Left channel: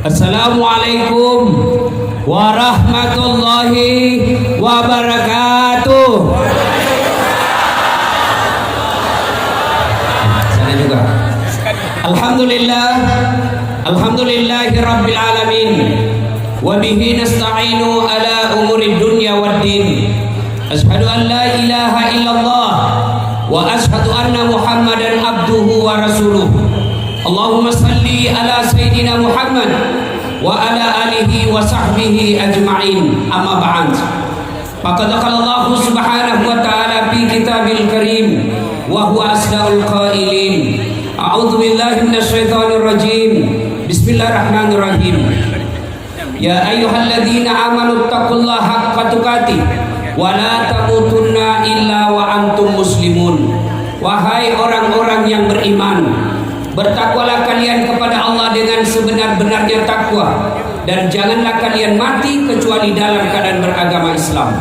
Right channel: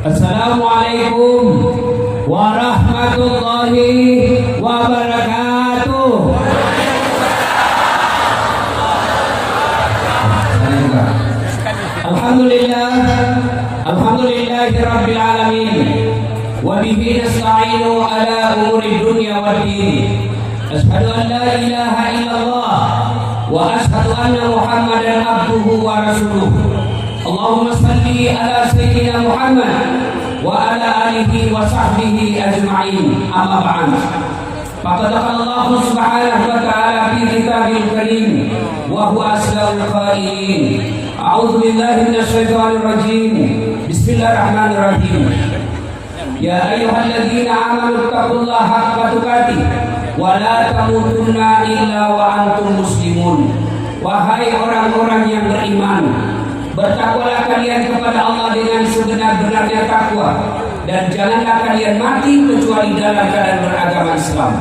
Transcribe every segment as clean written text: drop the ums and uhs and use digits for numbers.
Assalamualaikum warahmatullahi wabarakatuh. Saya juga. Alhamdulillahi rabbil alamin. Wa bihi nasta'inu ala umuri dunya waddin. Ashhadu an la ilaha illallah wa ashhadu anna Muhammadan abduhu wa rasuluh. Allahumma salli ala sayyidina Muhammad wa ala alihi wa sahbihi ajma'in. Amma ba'd. Faqad qala Allah subhanahu wa ta'ala fi kitabil karim wa huwa asdaqul qailin. A'udzu billahi minasy syaithanir rajim. Bismillahirrahmanirrahim. Ya ayyuhalladzina amanu taqullaha haqqa tuqatih wa la tamutunna illa wa antum muslimun. Wahai orang-orang yang beriman, bertakwalah kalian kepada Allah dengan sebenar-benarnya takwa, dan janganlah kalian mati kecuali dalam keadaan beragama Islam.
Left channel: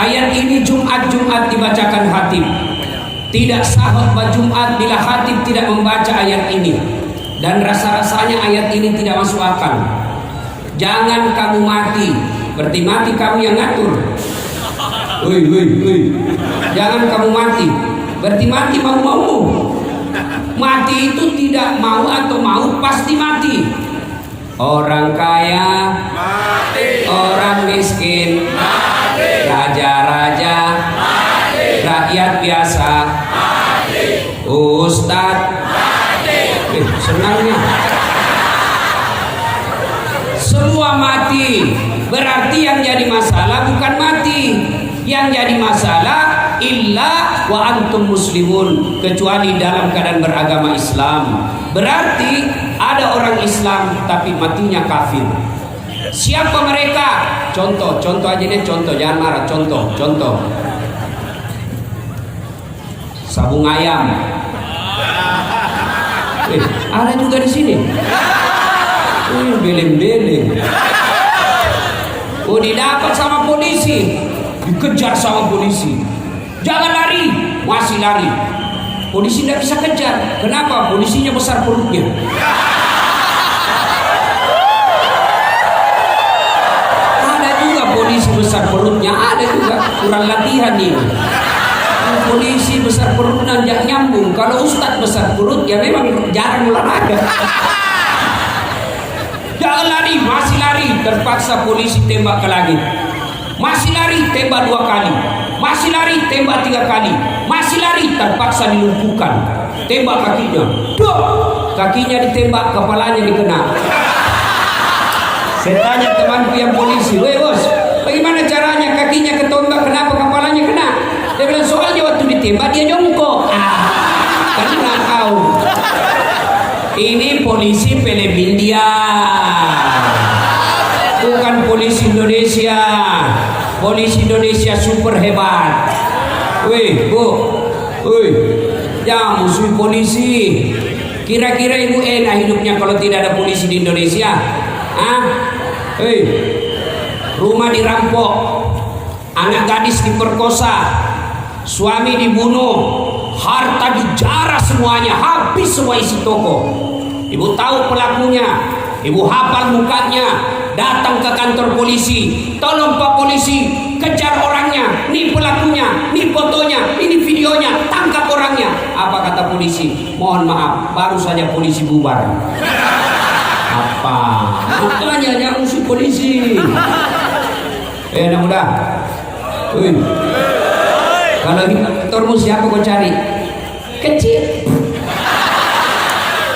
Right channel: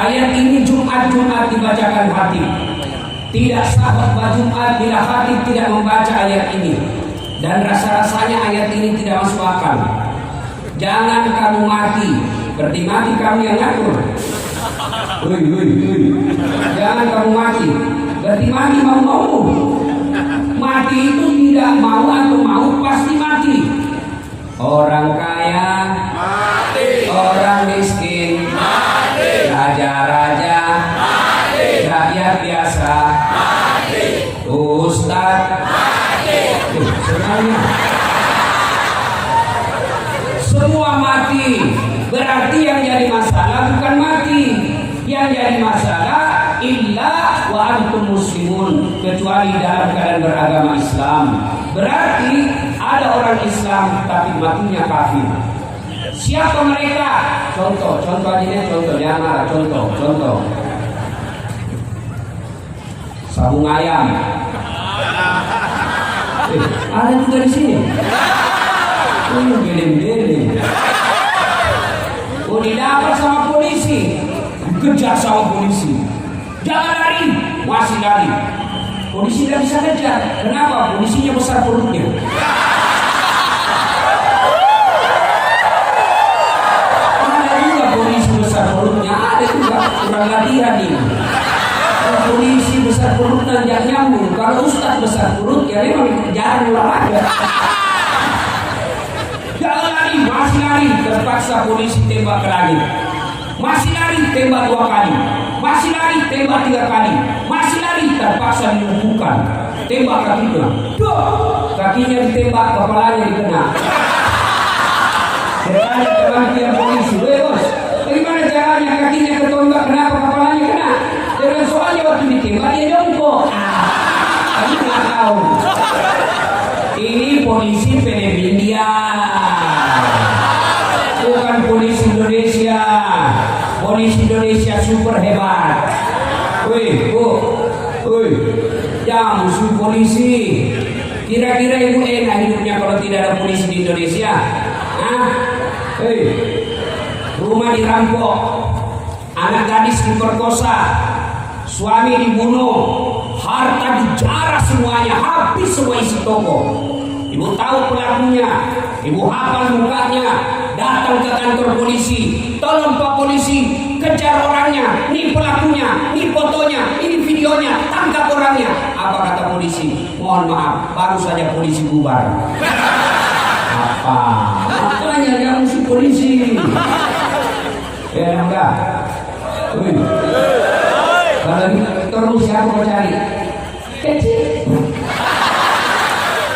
Ayat ini Jumat dibacakan khatib. Tidak sah khutbah Jumat bila khatib tidak membaca ayat ini, dan rasa-rasanya ayat ini tidak masuk akal. Jangan kamu mati, berarti mati kamu yang ngatur. Jangan kamu mati, berarti mati mau-mau. Mati itu tidak mau atau mau pasti mati. Orang kaya mati, orang miskin mati, raja-raja mati, rakyat biasa mati, ustadz mati. Senangnya semua mati. Berarti yang jadi masalah bukan mati, yang jadi masalah illa wa antum muslimun, kecuali dalam keadaan beragama Islam. Berarti ada orang Islam tapi matinya kafir. Siapa mereka? Contoh aja deh, contoh, jangan marah. Contoh sabung ayam. Ada juga di sini. Beleng-beleng. Didapat sama polisi, dikejar sama polisi. Jangan lari, masih lari. Polisi tidak bisa kejar. Kenapa? Polisinya besar perutnya. Ada juga polisi besar perutnya, ada juga kurang latihan ini. Kalau polisi besar perutnya tidak nyambung. Kalau ustadz besar perut ya memang jarang olahraga. Jangan lari, masih lari. Terpaksa polisi tembak ke langit. Masih lari, tembak 2 kali. Masih lari, tembak 3 kali. Masih lari, terpaksa dilumpuhkan. Tembak kakinya. Duh! Kakinya ditembak, kepalanya dikena. Saya tanya temanku yang polisi, "Weh bos, bagaimana caranya kakinya ketembak, kenapa kepalanya kena?" Dia bilang, soalnya waktu ditembak dia jongkok. Kan nggak tahu. Ini polisi film India, bukan polisi Indonesia. Polisi Indonesia super hebat. Jangan musuh polisi. Kira-kira ibu enak hidupnya kalau tidak ada polisi di Indonesia? Rumah dirampok, anak gadis diperkosa, suami dibunuh, harta dijarah semuanya, habis semua isi toko. Ibu tahu pelakunya, ibu hafal mukanya, datang ke kantor polisi. Tolong Pak Polisi, kejar orangnya, ini pelakunya, ini fotonya, ini videonya, tangkap orangnya. Apa kata polisi? Mohon maaf, baru saja polisi bubar. Apa? Makanya jangan musuh polisi. Nambah. Kalau termus siapa kau cari? Kecil.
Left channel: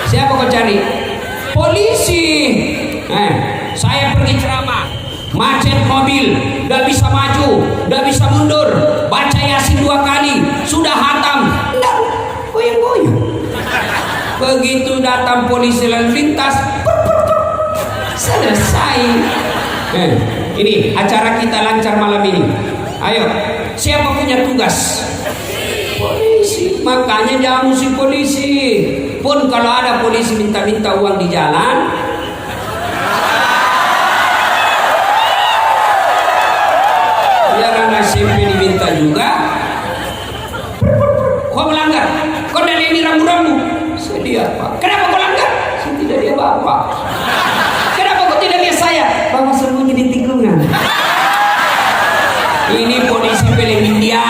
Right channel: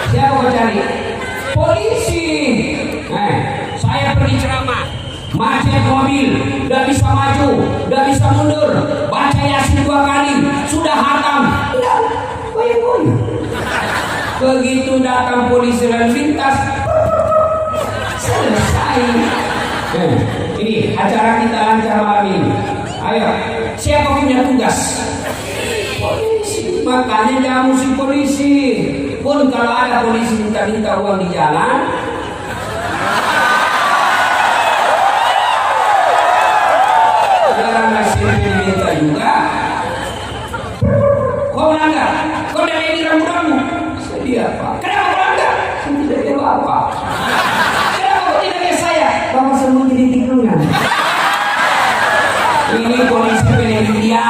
Siapa kau cari? Polisi. Saya pergi ceramah, macet mobil, gak bisa maju, gak bisa mundur, baca Yasin 2 kali, sudah hatam, goyang-goyang. Begitu datang polisi lalu lintas, selesai. Ini acara kita lancar malam ini. Ayo, siapa punya tugas? Polisi. Makanya jangan musuh polisi. Pun kalau ada polisi minta-minta uang di jalan, jangan ngasih minta juga. Kau melanggar, kau dari ini rambu-rambu. Sedih apa? Kenapa kau langgar? Tidak dia bapak. Ini polisi film India.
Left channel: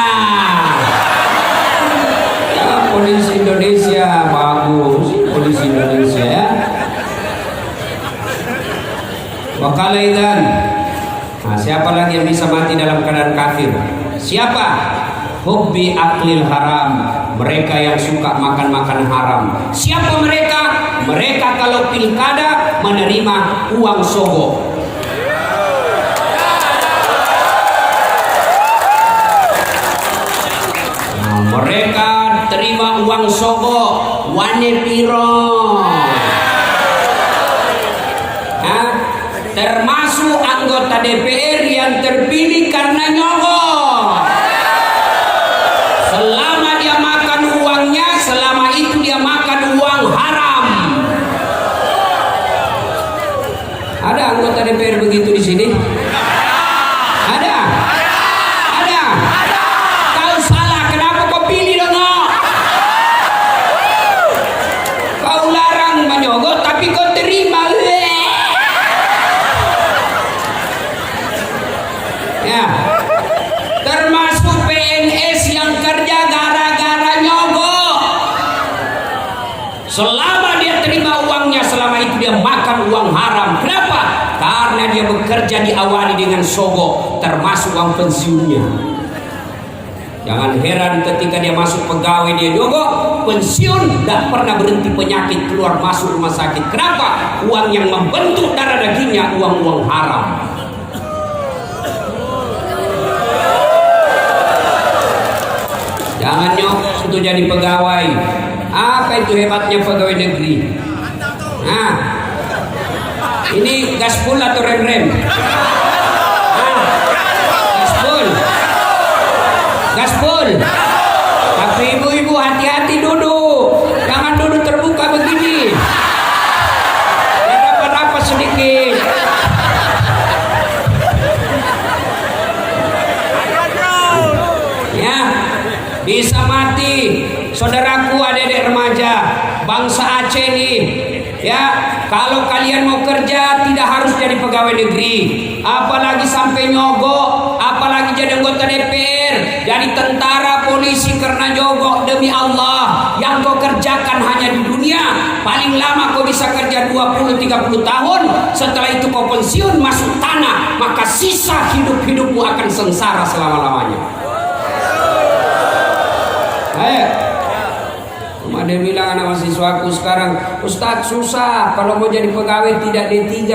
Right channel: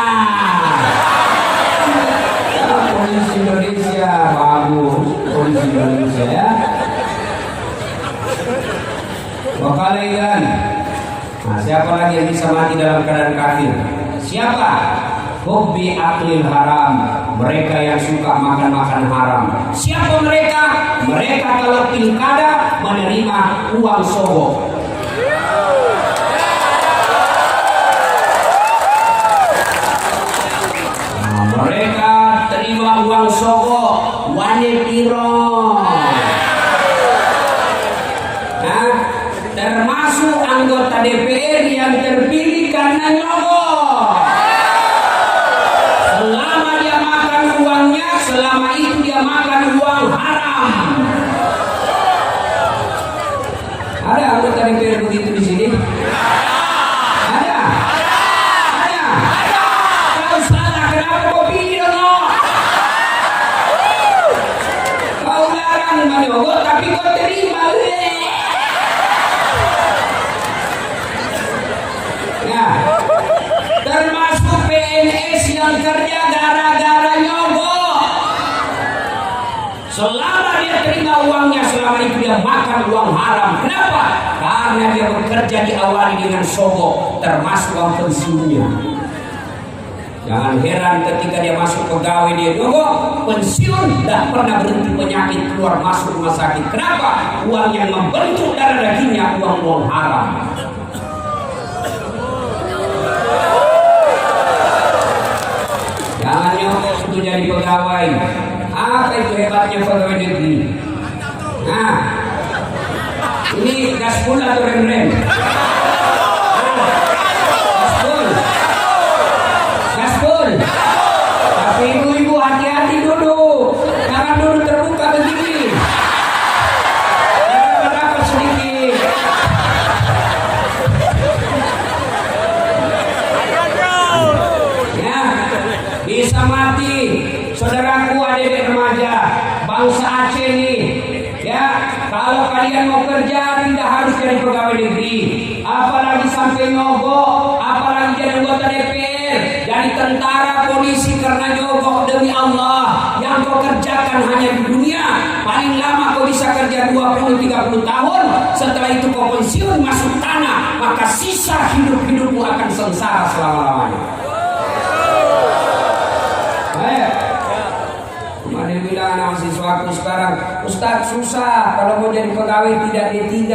Ya, polisi Indonesia bagus, polisi Indonesia ya. Wakalaidan. Nah, siapa lagi yang bisa mati dalam keadaan kafir? Siapa? Hubbi aklil haram. Mereka yang suka makan-makan haram. Siapa mereka? Mereka kalau pilkada menerima uang sogok. Nah, mereka terima uang sogok. Wane piro. Nah, termasuk anggota DPR yang terpilih karena nyogok. Selama dia makan uangnya, selama itu dia makan uang haram. Ada anggota DPR begitu di sini? Ada? Ada? Kau salah, kenapa kau pilih dong? Kau larang menyogok, tapi kau terima. Ya, termasuk PNS yang kerja gara-gara nyogok. Selama dia terima uangnya, selama itu dia makan uang haram. Kenapa? Karena dia bekerja diawali dengan sogok, termasuk uang pensiunnya. Jangan heran ketika dia masuk pegawai dia nyogok, pensiun tidak pernah berhenti penyakit keluar masuk rumah sakit. Kenapa? Uang yang membentuk darah dagingnya uang-uang haram. Jangan nyogok untuk jadi pegawai. Apa itu hebatnya pegawai negeri? Nah, ini gaspol atau rem-rem? Gaspol. Tapi ibu-ibu hati-hati duduk. Jangan duduk terbuka begini. Ada apa sedikit. Ya, bisa mati. Saudaraku, adik-adik remaja, bangsa Aceh nih, ya, kalau kalian mau kerja tidak harus jadi pegawai negeri, apalagi sampai nyogok, apalagi jadi anggota DPR, jadi tentara, polisi karena nyogok. Demi Allah, yang kau kerjakan hanya di dunia, paling lama kau bisa kerja 20-30 tahun, setelah itu kau pensiun masuk tanah, maka sisa hidup-hidupmu akan sengsara selama-lamanya. Dia bilang anak mahasiswaku sekarang, Ustadz susah kalau mau jadi pegawai tidak D3.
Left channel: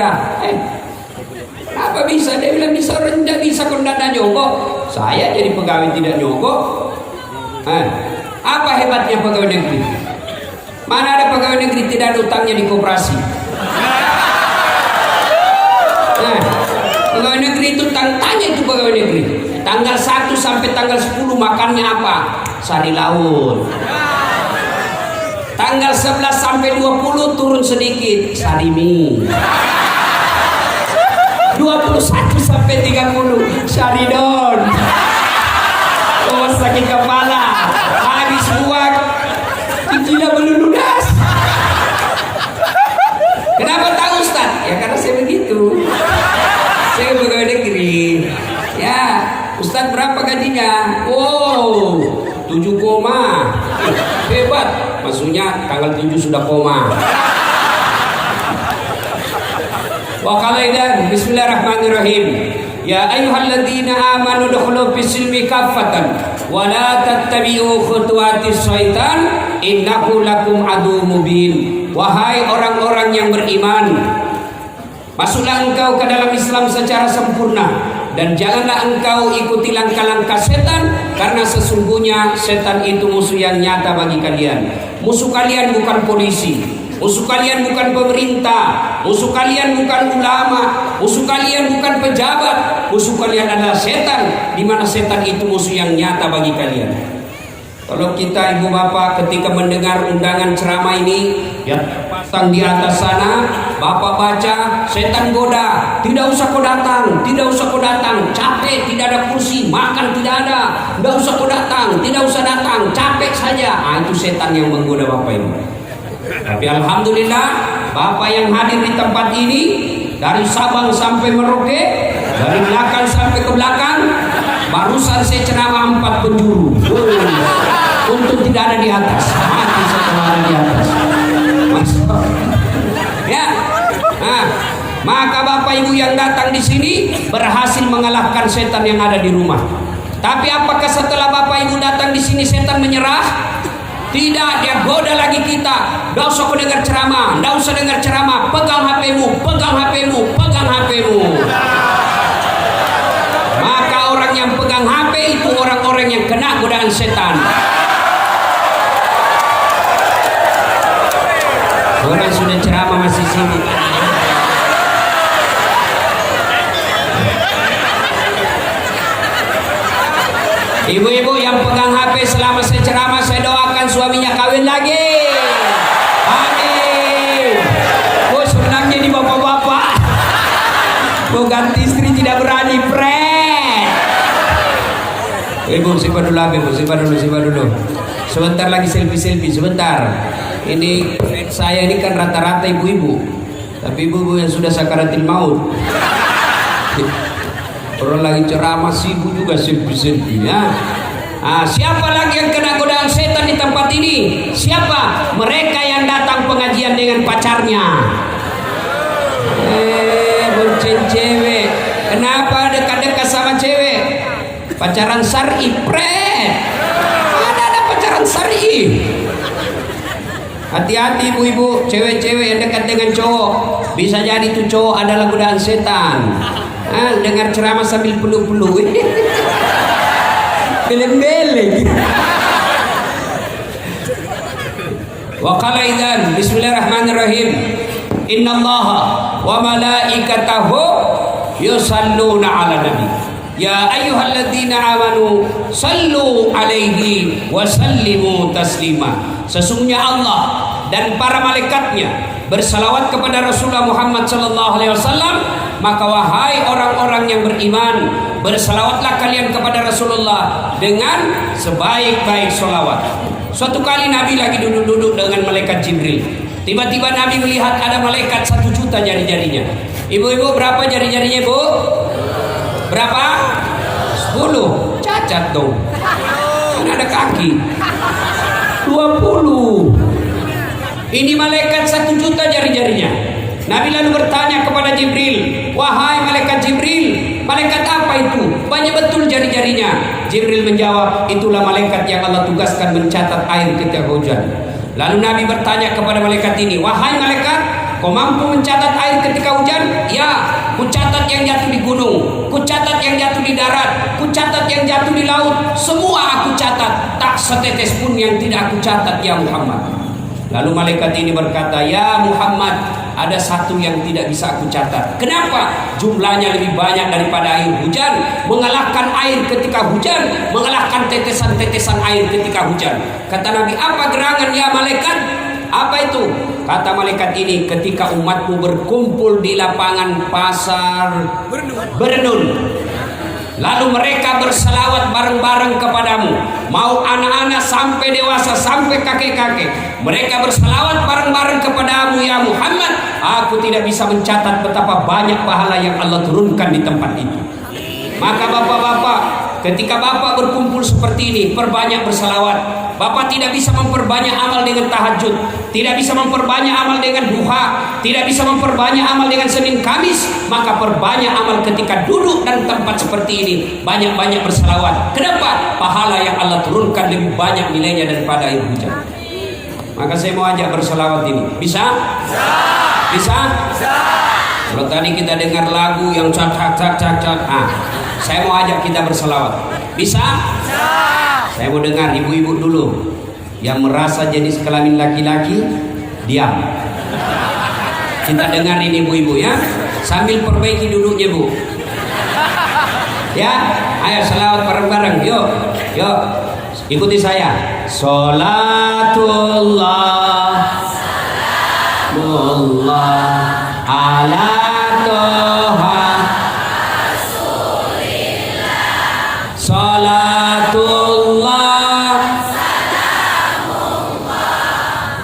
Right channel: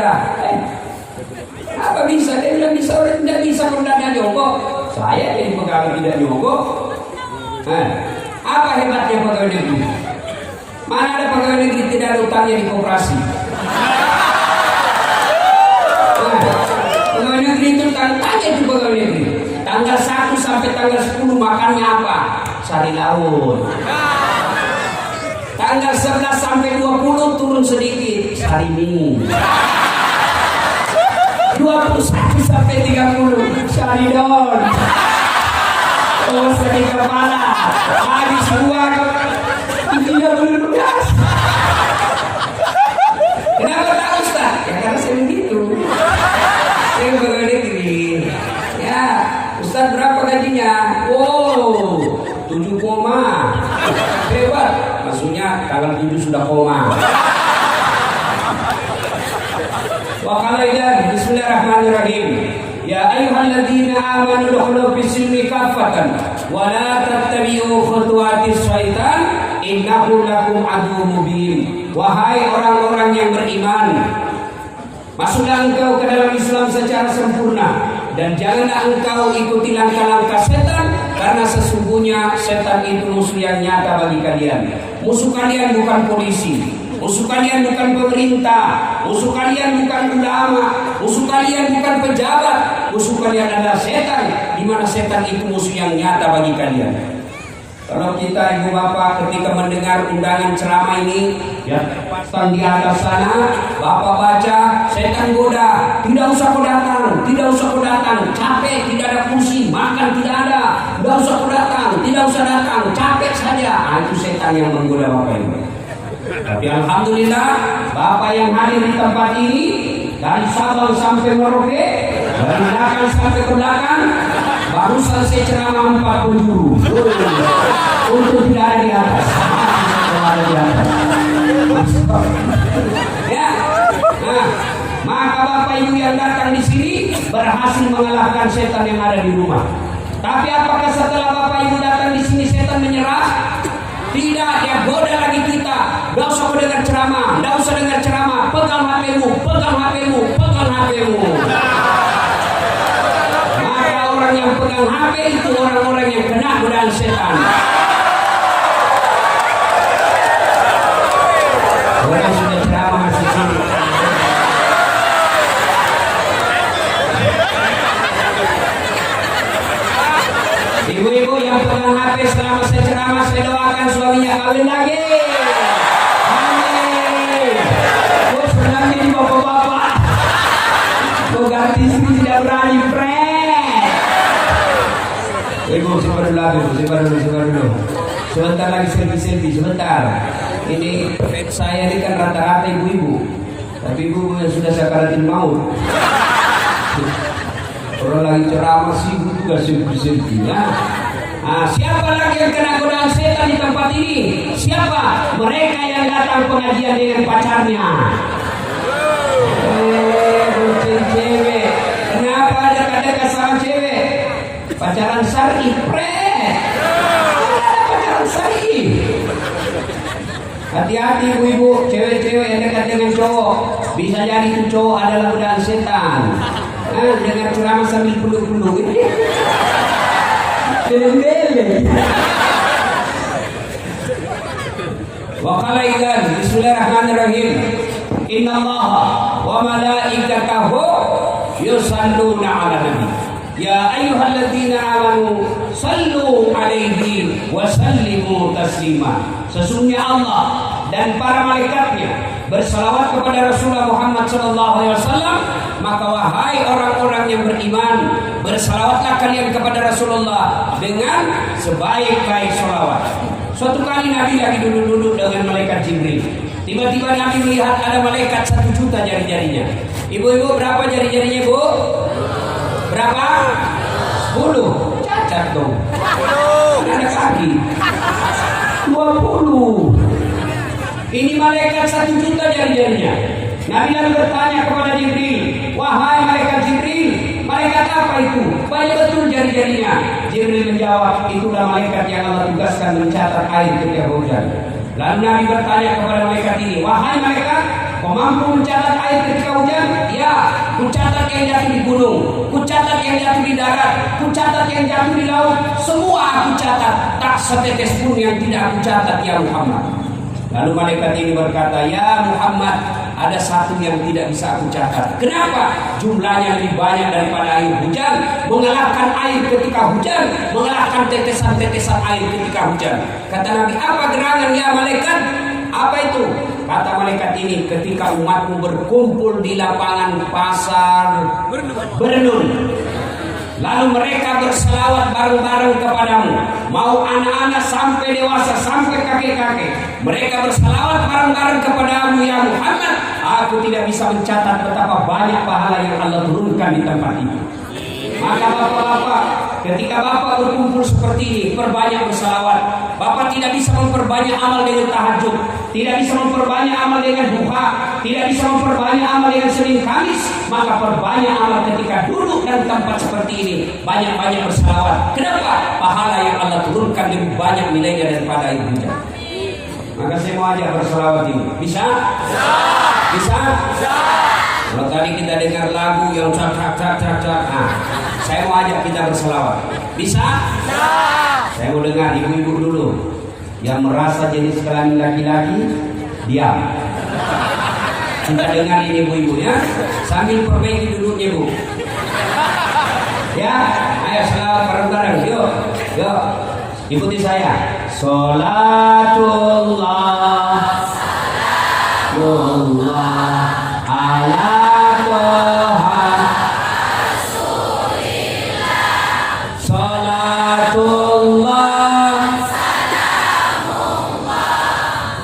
Apa bisa? Dia bilang bisa, orang tidak bisa kondana nyogok. Saya jadi pegawai tidak nyogok. Apa hebatnya pegawai negeri? Mana ada pegawai negeri tidak ada utangnya di koperasi? Pegawai negeri itu tanya itu pegawai negeri. Tanggal 1 sampai tanggal 10 makannya apa? Sari laut. Tanggal 11 sampai 20 turun sedikit, sari mie. 21 sampai 30, sari don. Oh, sakit kepala. Habis uang, tidak belum lunas. Kenapa tak Ustaz? Ya karena saya begitu. Saya pegawai negeri. Ya, Ustaz berapa gajinya? Wow, 7 koma. Hebat. Maksudnya tanggal 7 sudah koma. Wa qalaidan bismillahirrahmanirrahim. Ya ayyuhalladzina amanu dukhulu fis-silmi kaffatan wa la tattabi'u khutuwatis syaitan innahu lakum aduwwum mubin. Wahai orang-orang yang beriman, masuklah engkau ke dalam Islam secara sempurna dan janganlah engkau ikuti langkah-langkah setan, karena sesungguhnya setan itu musuh yang nyata bagi kalian. Musuh kalian bukan polisi, musuh kalian bukan pemerintah, musuh kalian bukan ulama, musuh kalian bukan pejabat, musuh kalian adalah setan, di mana setan itu musuh yang nyata bagi kalian. Kalau kita ibu bapak ketika mendengar undangan ceramah ini yang terpasang di atas sana, bapak baca, setan goda, tidak usah kau datang, tidak usah kau datang, capek, tidak ada kursi, makan tidak ada, tidak usah kau datang, tidak usah datang, capek saja. Itu setan yang menggoda bapak ini. Tapi alhamdulillah, bapak yang hadir di tempat ini dari Sabang sampai Merauke, dari belakang sampai ke belakang, Barusan saya ceramah 4 penjuru. Untung tidak ada di atas. Saya ada di atas. Ya. Nah, maka Bapak Ibu yang datang di sini berhasil mengalahkan setan yang ada di rumah. Tapi apakah setelah Bapak Ibu datang di sini setan menyerah? Tidak, dia goda lagi kita. Nggak usah kau dengar ceramah, nggak usah dengar ceramah. Pegang HP-mu, pegang HP-mu, pegang HP-mu. Maka orang yang pegang HP itu orang-orang yang kena godaan setan. Orang sudah ceramah masih sibuk. Ibu-ibu yang pegang HP selama saya ceramah, saya doakan suaminya kawin lagi. Amin. Oh, senang jadi bapak-bapak. Oh, ganti istri tidak berani, friend. Ibu simpan dulu, simpan dulu. Sebentar lagi selfie, sebentar. Ini saya ini kan rata-rata ibu-ibu. Tapi ibu yang sudah sakaratul maut. Orang lagi ceramah sibuk juga selfie ya. Siapa lagi yang kena godaan setan di tempat ini? Siapa? Mereka yang datang pengajian dengan pacarnya. Bucin cewek. Kenapa dekat-dekat sama cewek? Pacaran syar'i, pret. Ada pacaran syar'i. Hati-hati ibu-ibu, cewek-cewek yang dekat dengan cowok. Bisa jadi itu cowok adalah godaan setan. Dengar ceramah sambil peluk-peluk. Geleng-geleng. Wa qala idzan bismillahirrahmanirrahim. Innallaha wa malaikatahu yusalluna 'alan nabi. Ya ayyuhalladzina amanu sallu 'alaihi wa sallimu taslima. Sesungguhnya Allah dan para malaikatnya bersalawat kepada Rasulullah Muhammad sallallahu alaihi wasallam. Maka wahai orang-orang yang beriman, bersalawatlah kalian kepada Rasulullah dengan sebaik-baik salawat. Suatu kali Nabi lagi duduk-duduk dengan malaikat Jibril. Tiba-tiba Nabi melihat ada malaikat 1 juta jari-jarinya. Ibu-ibu berapa jari-jarinya, Bu? Berapa? 10. Cacat dong. Ini ada kaki. 20. Ini malaikat 1 juta jari-jarinya. Nabi lalu bertanya kepada Jibril, wahai malaikat Jibril, malaikat apa itu? Banyak betul jari-jarinya. Jibril menjawab, itulah malaikat yang Allah tugaskan mencatat air ketika hujan. Lalu Nabi bertanya kepada malaikat ini, wahai malaikat, kau mampu mencatat air ketika hujan? Ya, ku catat yang jatuh di gunung, ku catat yang jatuh di darat, ku catat yang jatuh di laut. Semua aku catat, tak setetes pun yang tidak aku catat, ya Muhammad. Lalu malaikat ini berkata, ya Muhammad, ada satu yang tidak bisa aku catat. Kenapa? Jumlahnya lebih banyak daripada air hujan, mengalahkan air ketika hujan, mengalahkan tetesan-tetesan air ketika hujan. Kata Nabi, apa gerangan ya malaikat? Apa itu? Kata malaikat ini, ketika umatmu berkumpul di lapangan pasar Bernun, lalu mereka berselawat bareng-bareng kepadamu. Mau anak-anak sampai dewasa, sampai kakek-kakek, mereka berselawat bareng-bareng kepadamu ya Muhammad. Aku tidak bisa mencatat betapa banyak pahala yang Allah turunkan di tempat itu. Maka bapak-bapak, ketika bapak berkumpul seperti ini, perbanyak berselawat. Bapak tidak bisa memperbanyak amal dengan tahajud, tidak bisa memperbanyak amal dengan duha, tidak bisa memperbanyak amal dengan Senin Kamis. Maka perbanyak amal ketika duduk dan tempat seperti ini. Banyak-banyak berselawat. Kenapa? Pahala yang Allah turunkan lebih banyak nilainya daripada air hujan. Maka saya mau ajak berselawat ini. Bisa? Bisa? Kalau tadi kita dengar lagu yang cak. Saya mau ajak kita berselawat. Bisa? Saya mau dengar ibu-ibu dulu yang merasa jenis kelamin laki-laki, diam. Kita dengar ini ibu-ibu ya, sambil perbaiki duduknya Bu. Ya, ayo selawat bareng-bareng. Yuk, ikuti saya. Sholatullah, salamullah ala Toha, Sholatullah,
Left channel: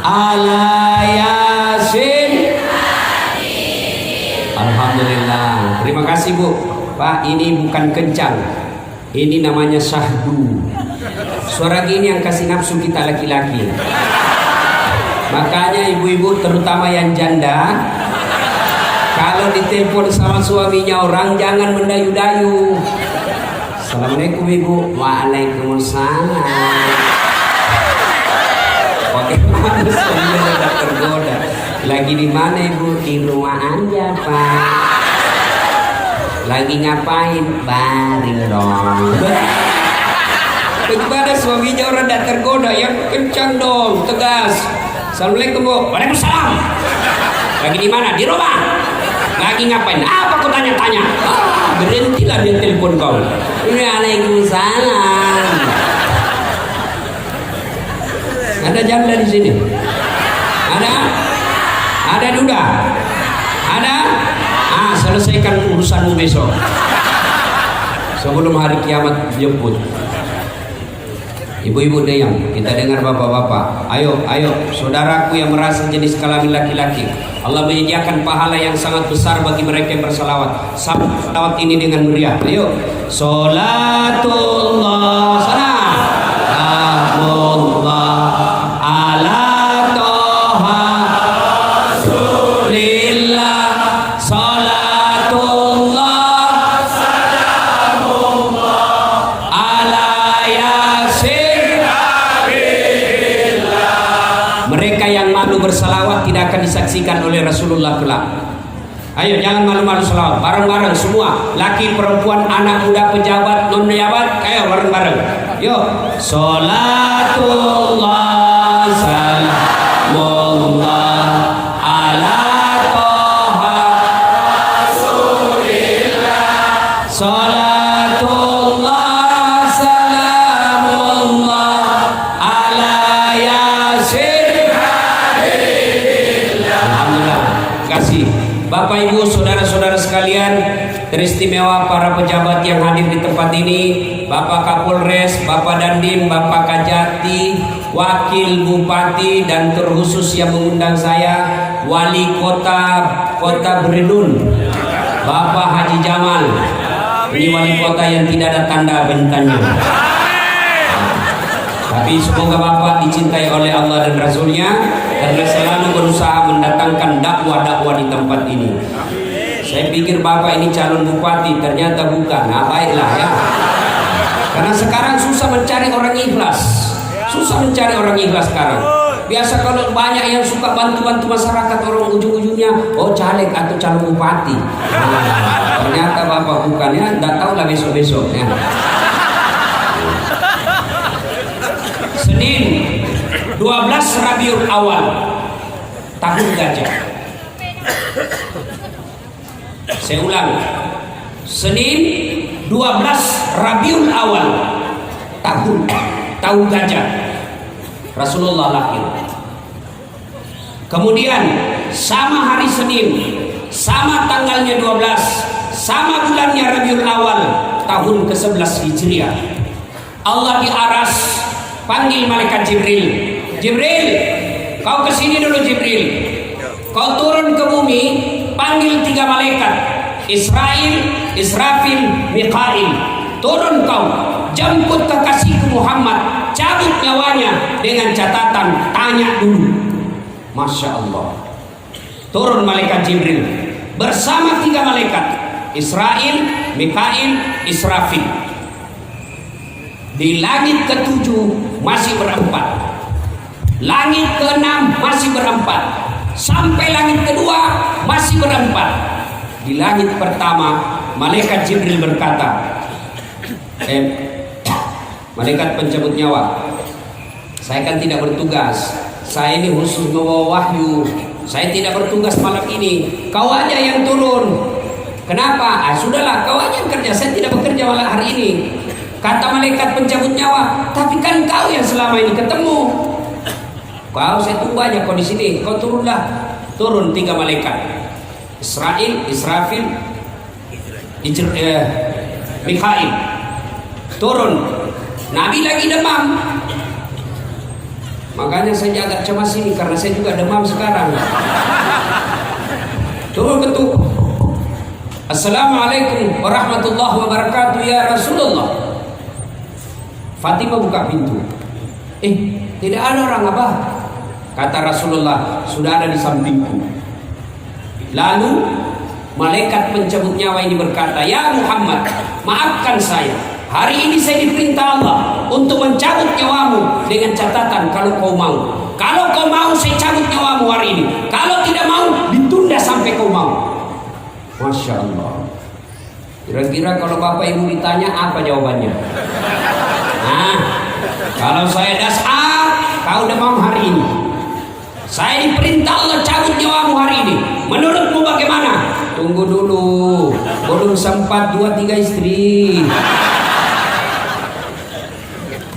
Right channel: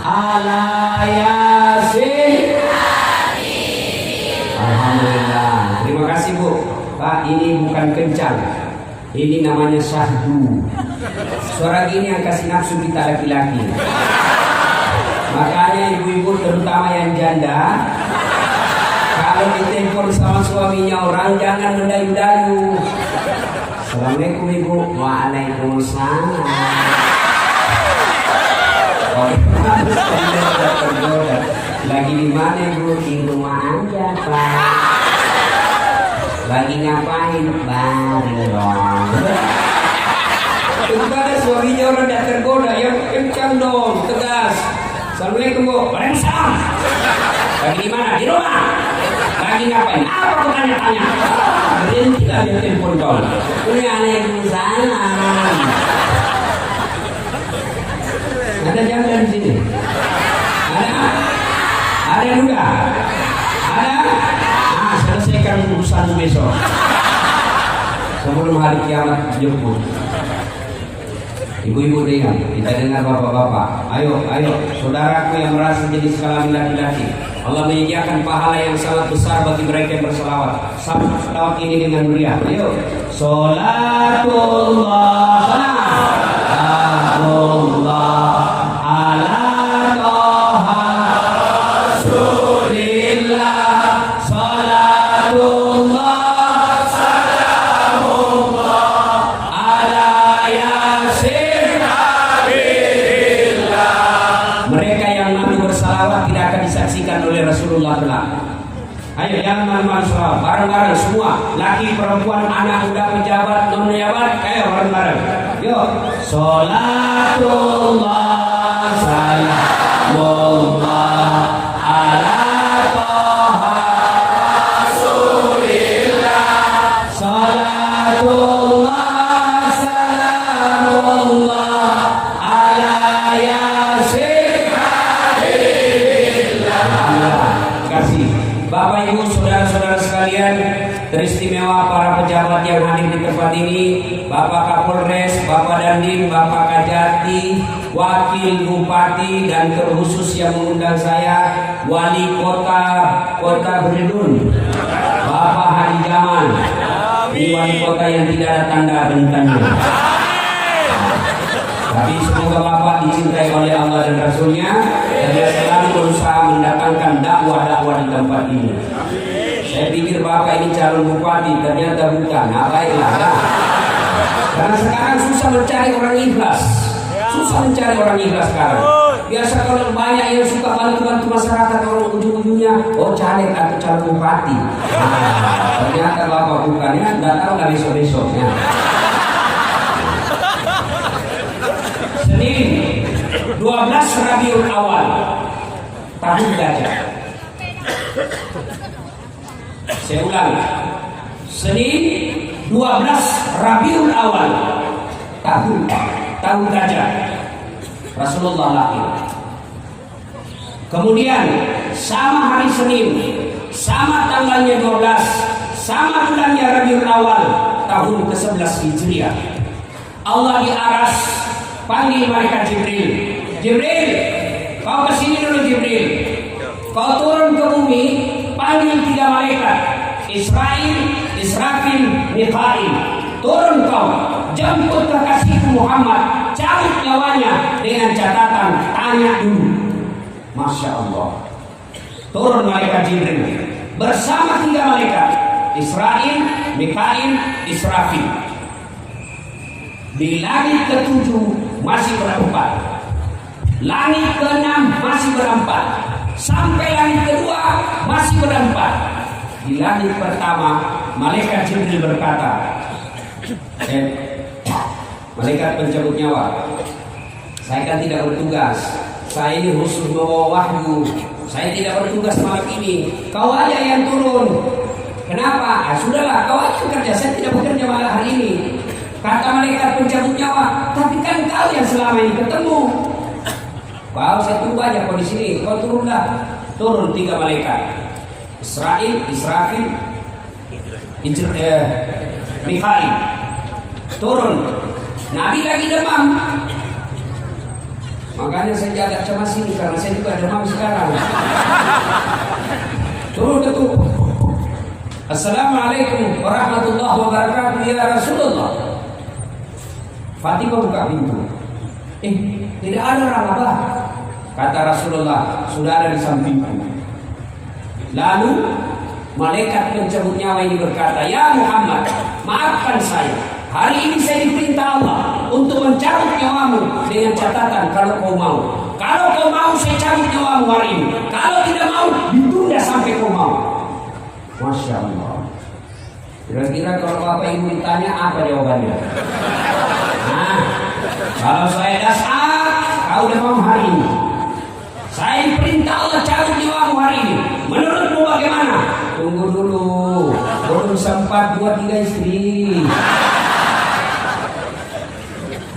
ala Yasin. Alhamdulillah. Terima kasih Bu. Pak, ini bukan kencang. Ini namanya syahdu. Suara gini yang kasih nafsu kita laki-laki. Makanya ibu-ibu terutama yang janda, kalau ditelepon sama suaminya orang jangan mendayu-dayu. Assalamualaikum ibu. Waalaikumsalam. Bagaimana suaminya udah tergoda? Lagi di mana ibu? Di rumah aja pak. Lagi ngapain? Baring dong. Bagaimana suaminya orang udah tergoda? Yang kencang dong, tegas. Assalamualaikum bu. Waalaikumsalam. Lagi di mana? Di rumah. Lagi ngapain? Apa kau tanya-tanya? Berhentilah dia telepon kau. Ini Waalaikumsalam. Ada janda di sini? Ada? Ada duda? Ada? Ah, selesaikan urusanmu besok. Sebelum hari kiamat jemput. Ibu-ibu dengar, kita dengar bapak-bapak. Ayo, saudaraku yang merasa jenis kelamin laki-laki. Allah menyediakan pahala yang sangat besar bagi mereka yang berselawat. Sambut selawat ini dengan meriah. Ayo. Salatullah. Salatullah ala toha Rasulillah. Salatullah salamullah ala yasin. Mereka yang malu bersalawat tidak akan disaksikan oleh Rasulullah kelak. Ayo jangan malu-malu salawat. Bareng-bareng semua, laki, perempuan, anak muda, pejabat, non pejabat, ayo bareng-bareng. Yuk. Salatullah salamullah ala toha Rasulillah. Salatullah salamullah ala yasin. Kasih Bapak Ibu saudara-saudara sekalian, teristimewa para pejabat yang hadir di tempat ini, Bapak Kapolres, Bapak Dandim, Bapak Kajati, Wakil Bupati, dan terkhusus yang mengundang saya, Wali Kota Beridun, Bapak Haji Jamal. Ini wali kota yang tidak ada tanda bintangnya. Tapi semoga Bapak dicintai oleh Allah dan Rasulnya, dan selalu berusaha mendatangkan dakwah-dakwah di tempat ini. Saya pikir Bapak ini calon bupati, ternyata bukan. Nah, baiklah ya. Karena sekarang susah mencari orang ikhlas. Susah mencari orang ikhlas sekarang. Biasa kalau banyak yang suka bantu-bantu masyarakat, orang ujung-ujungnya caleg atau calon bupati. Nah, ternyata Bapak bukan ya. Nggak tahu lah besok-besok ya. Senin 12 Rabiul Awal tahun gajah. Saya ulang. Senin 12 Rabiul Awal tahun gajah. Rasulullah lahir. Kemudian sama hari Senin, sama tanggalnya 12, sama bulannya Rabiul Awal tahun ke-11 Hijriah. Allah di aras panggil malaikat Jibril. Jibril, kau kesini dulu Jibril. Kau turun ke bumi, panggil 3 malaikat, Israil, Israfil, Mikail. Turun kau, jemput kekasihku Muhammad, cabut nyawanya dengan catatan tanya dulu. Masya Allah. Turun malaikat Jibril bersama 3 malaikat, Israil, Mikail, Israfil. Di langit ke-7 masih berempat, langit ke-6 masih berempat, sampai langit kedua masih berempat. Di langit pertama malaikat Jibril berkata, malaikat pencabut nyawa, saya kan tidak bertugas, saya ini khusus membawa wahyu, saya tidak bertugas malam ini, kau aja yang turun. Kenapa? Sudahlah, kau aja yang kerja, saya tidak bekerja malam hari ini. Kata malaikat pencabut nyawa, tapi kan kau yang selama ini ketemu. Kau saya tunggu aja kau di sini. Kau turunlah. Turun 3 malaikat, Israil, Israfil, Mikail. Turun. Nabi lagi demam. Makanya saya agak cemas ini karena saya juga demam sekarang. Turun betul. Assalamualaikum warahmatullahi wabarakatuh ya Rasulullah. Fatimah buka pintu. Tidak ada orang, Abah. Kata Rasulullah, sudah ada di sampingku. Lalu malaikat pencabut nyawa ini berkata, ya Muhammad, maafkan saya. Hari ini saya diperintah Allah untuk mencabut nyawamu dengan catatan kalau kau mau. Kalau kau mau saya cabut nyawamu hari ini. Kalau tidak mau ditunda sampai kau mau. Masya Allah. Kira-kira kalau Bapak Ibu ditanya apa jawabannya? Nah, kalau saya dasar, kau udah mau hari ini. Saya diperintah Allah cabut nyawamu hari ini. Menurutmu bagaimana? Tunggu dulu. Belum sempat 2-3 istri.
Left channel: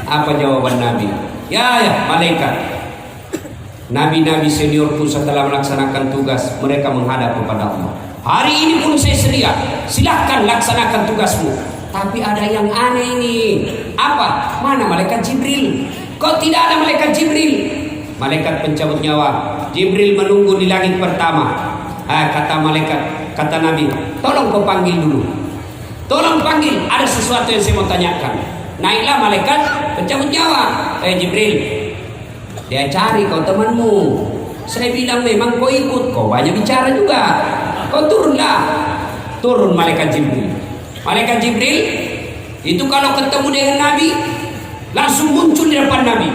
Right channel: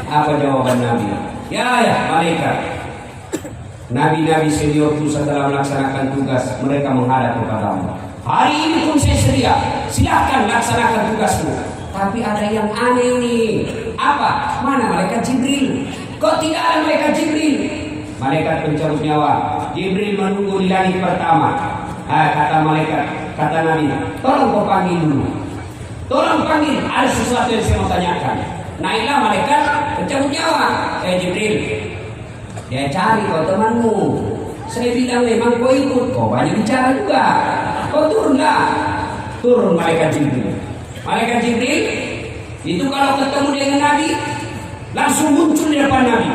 Apa jawaban Nabi? Ya, malaikat. Nabi-nabi seniorku setelah melaksanakan tugas, mereka menghadap kepada Allah. Hari ini pun saya sedia. Silahkan laksanakan tugasmu. Tapi ada yang aneh ini. Apa? Mana malaikat Jibril? Kok tidak ada malaikat Jibril? Malaikat pencabut nyawa Jibril menunggu di langit pertama. Kata malaikat, kata Nabi, tolong kau panggil dulu. Tolong panggil, ada sesuatu yang saya mau tanyakan. Naiklah malaikat pencabut nyawa. Jibril, dia cari kau temanmu. Saya bilang memang kau ikut, kau banyak bicara juga. Kau turunlah. Turun malaikat Jibril. Malaikat Jibril itu kalau ketemu dengan Nabi langsung muncul di depan Nabi.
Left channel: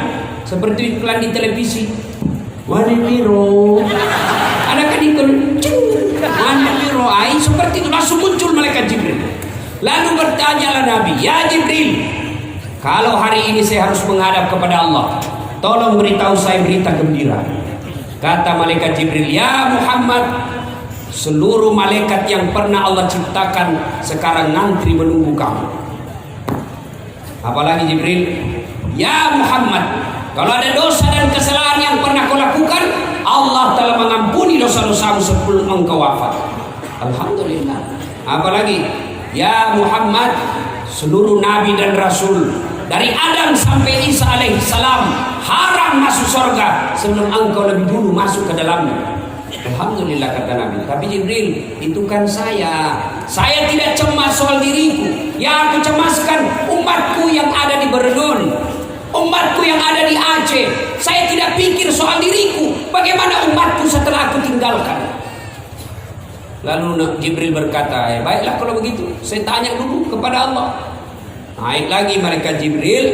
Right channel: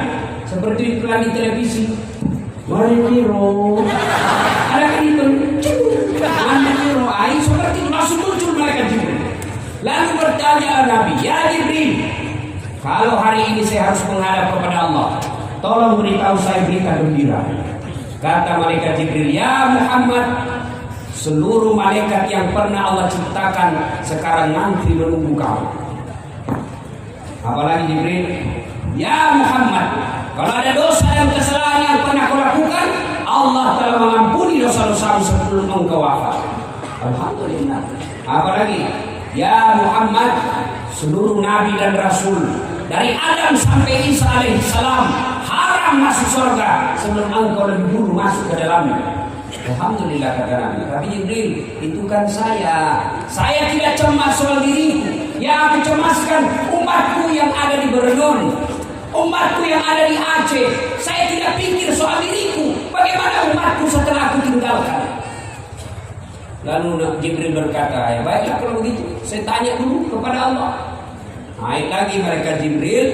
Seperti iklan di televisi. Wanitiro. Ada kan itu. Wanitiro. Seperti itu langsung muncul malaikat Jibril. Lalu bertanyalah Nabi, ya Jibril, kalau hari ini saya harus menghadap kepada Allah, tolong beritahu saya berita gembira. Kata malaikat Jibril, ya Muhammad, seluruh malaikat yang pernah Allah ciptakan sekarang ngantri menunggu kamu. Apalagi Jibril, ya Muhammad, kalau ada dosa dan kesalahan yang pernah kau lakukan, Allah telah mengampuni dosa-dosamu sebelum engkau wafat. Alhamdulillah. Apalagi, ya Muhammad, seluruh nabi dan rasul dari Adam sampai Isa alaihissalam haram masuk surga sebelum engkau lebih dulu masuk ke dalamnya. Alhamdulillah kata Nabi. Tapi Jibril, itu kan saya tidak cemas soal diriku. Yang aku cemaskan umatku yang ada di Berlin, umatku yang ada di Aceh. Saya tidak pikir soal diriku, bagaimana umatku setelah aku tinggalkan. Lalu Jibril berkata, ya baiklah kalau begitu, saya tanya dulu kepada Allah. Naik lagi malaikat Jibril,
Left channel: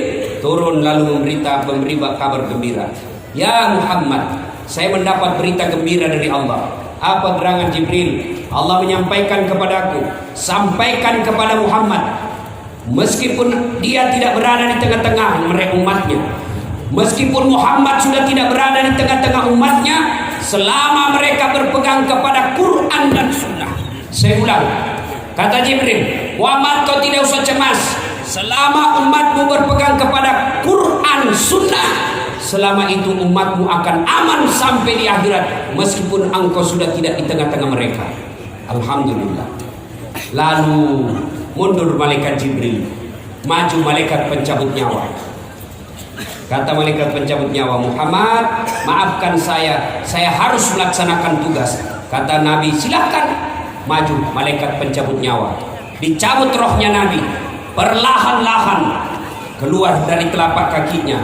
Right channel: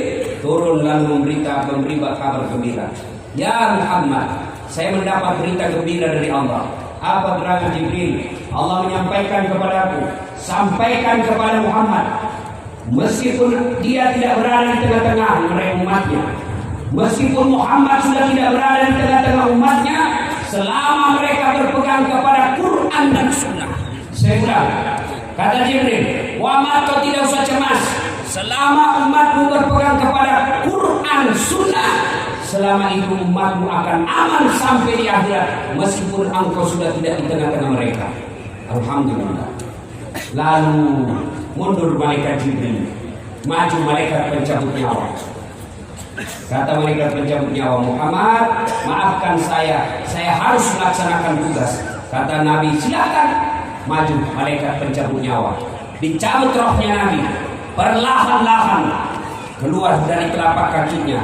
turun lalu memberi kabar gembira. Ya Muhammad, saya mendapat berita gembira dari Allah. Apa gerangan Jibril? Allah menyampaikan kepadaku, sampaikan kepada Muhammad, meskipun dia tidak berada di tengah-tengah mereka umatnya, meskipun Muhammad sudah tidak berada di tengah-tengah umatnya, selama mereka berpegang kepada Quran dan Sunnah. Saya ulang, kata Jibril, Muhammad kau tidak usah cemas, selama umatmu berpegang kepada Quran Sunnah, selama itu umatmu akan aman sampai di akhirat, meskipun engkau sudah tidak di tengah-tengah mereka. Alhamdulillah. Lalu mundur malaikat Jibril, maju malaikat pencabut nyawa. Kata malaikat pencabut nyawa, Muhammad, maafkan saya harus melaksanakan tugas. Kata Nabi, silakan. Maju malaikat pencabut nyawa, dicabut rohnya Nabi, perlahan-lahan keluar dari telapak kakinya.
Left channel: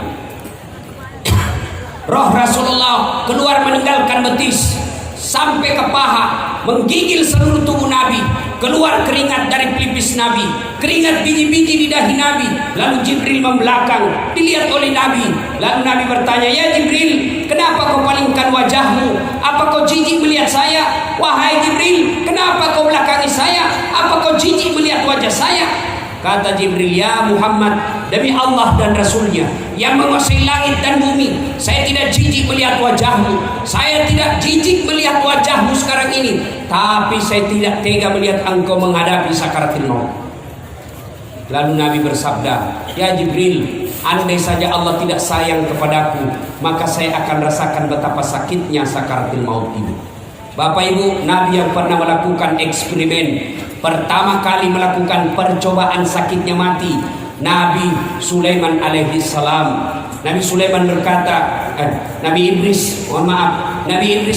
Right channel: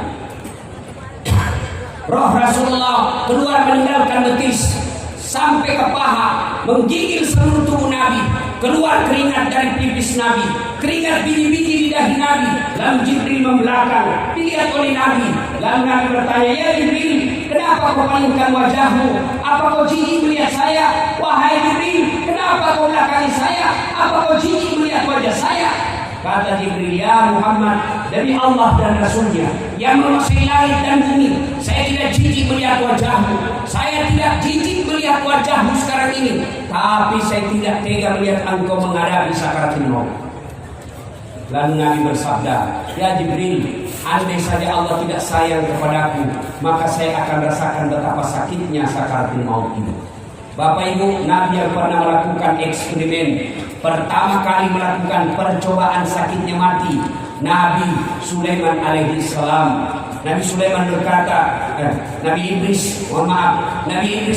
Roh Rasulullah keluar meninggalkan betis sampai ke paha, menggigil seluruh tubuh Nabi. Keluar keringat dari pelipis Nabi, keringat biji-biji di dahi Nabi. Lalu Jibril membelakang, dilihat oleh Nabi. Lalu Nabi bertanya, ya Jibril, kenapa kau palingkan wajahmu? Apa kau jijik melihat saya? Wahai Jibril, kenapa kau belakangi saya? Apa kau jijik melihat wajah saya? Kata Jibril, ya Muhammad, demi Allah dan Rasulnya yang menguasai langit dan bumi, saya tidak jijik melihat wajahmu. Saya tidak jijik melihat wajahmu sekarang ini, tapi saya tidak tega melihat engkau menghadapi sakaratul maut. Lalu Nabi bersabda, ya Jibril, andai saja Allah tidak sayang kepadaku, maka saya akan rasakan betapa sakitnya sakaratul maut ini. Bapak Ibu, Nabi yang pernah melakukan eksperimen, pertama kali melakukan percobaan sakitnya mati, Nabi Sulaiman alaihissalam. Nabi Sulaiman berkata, Nabi Idris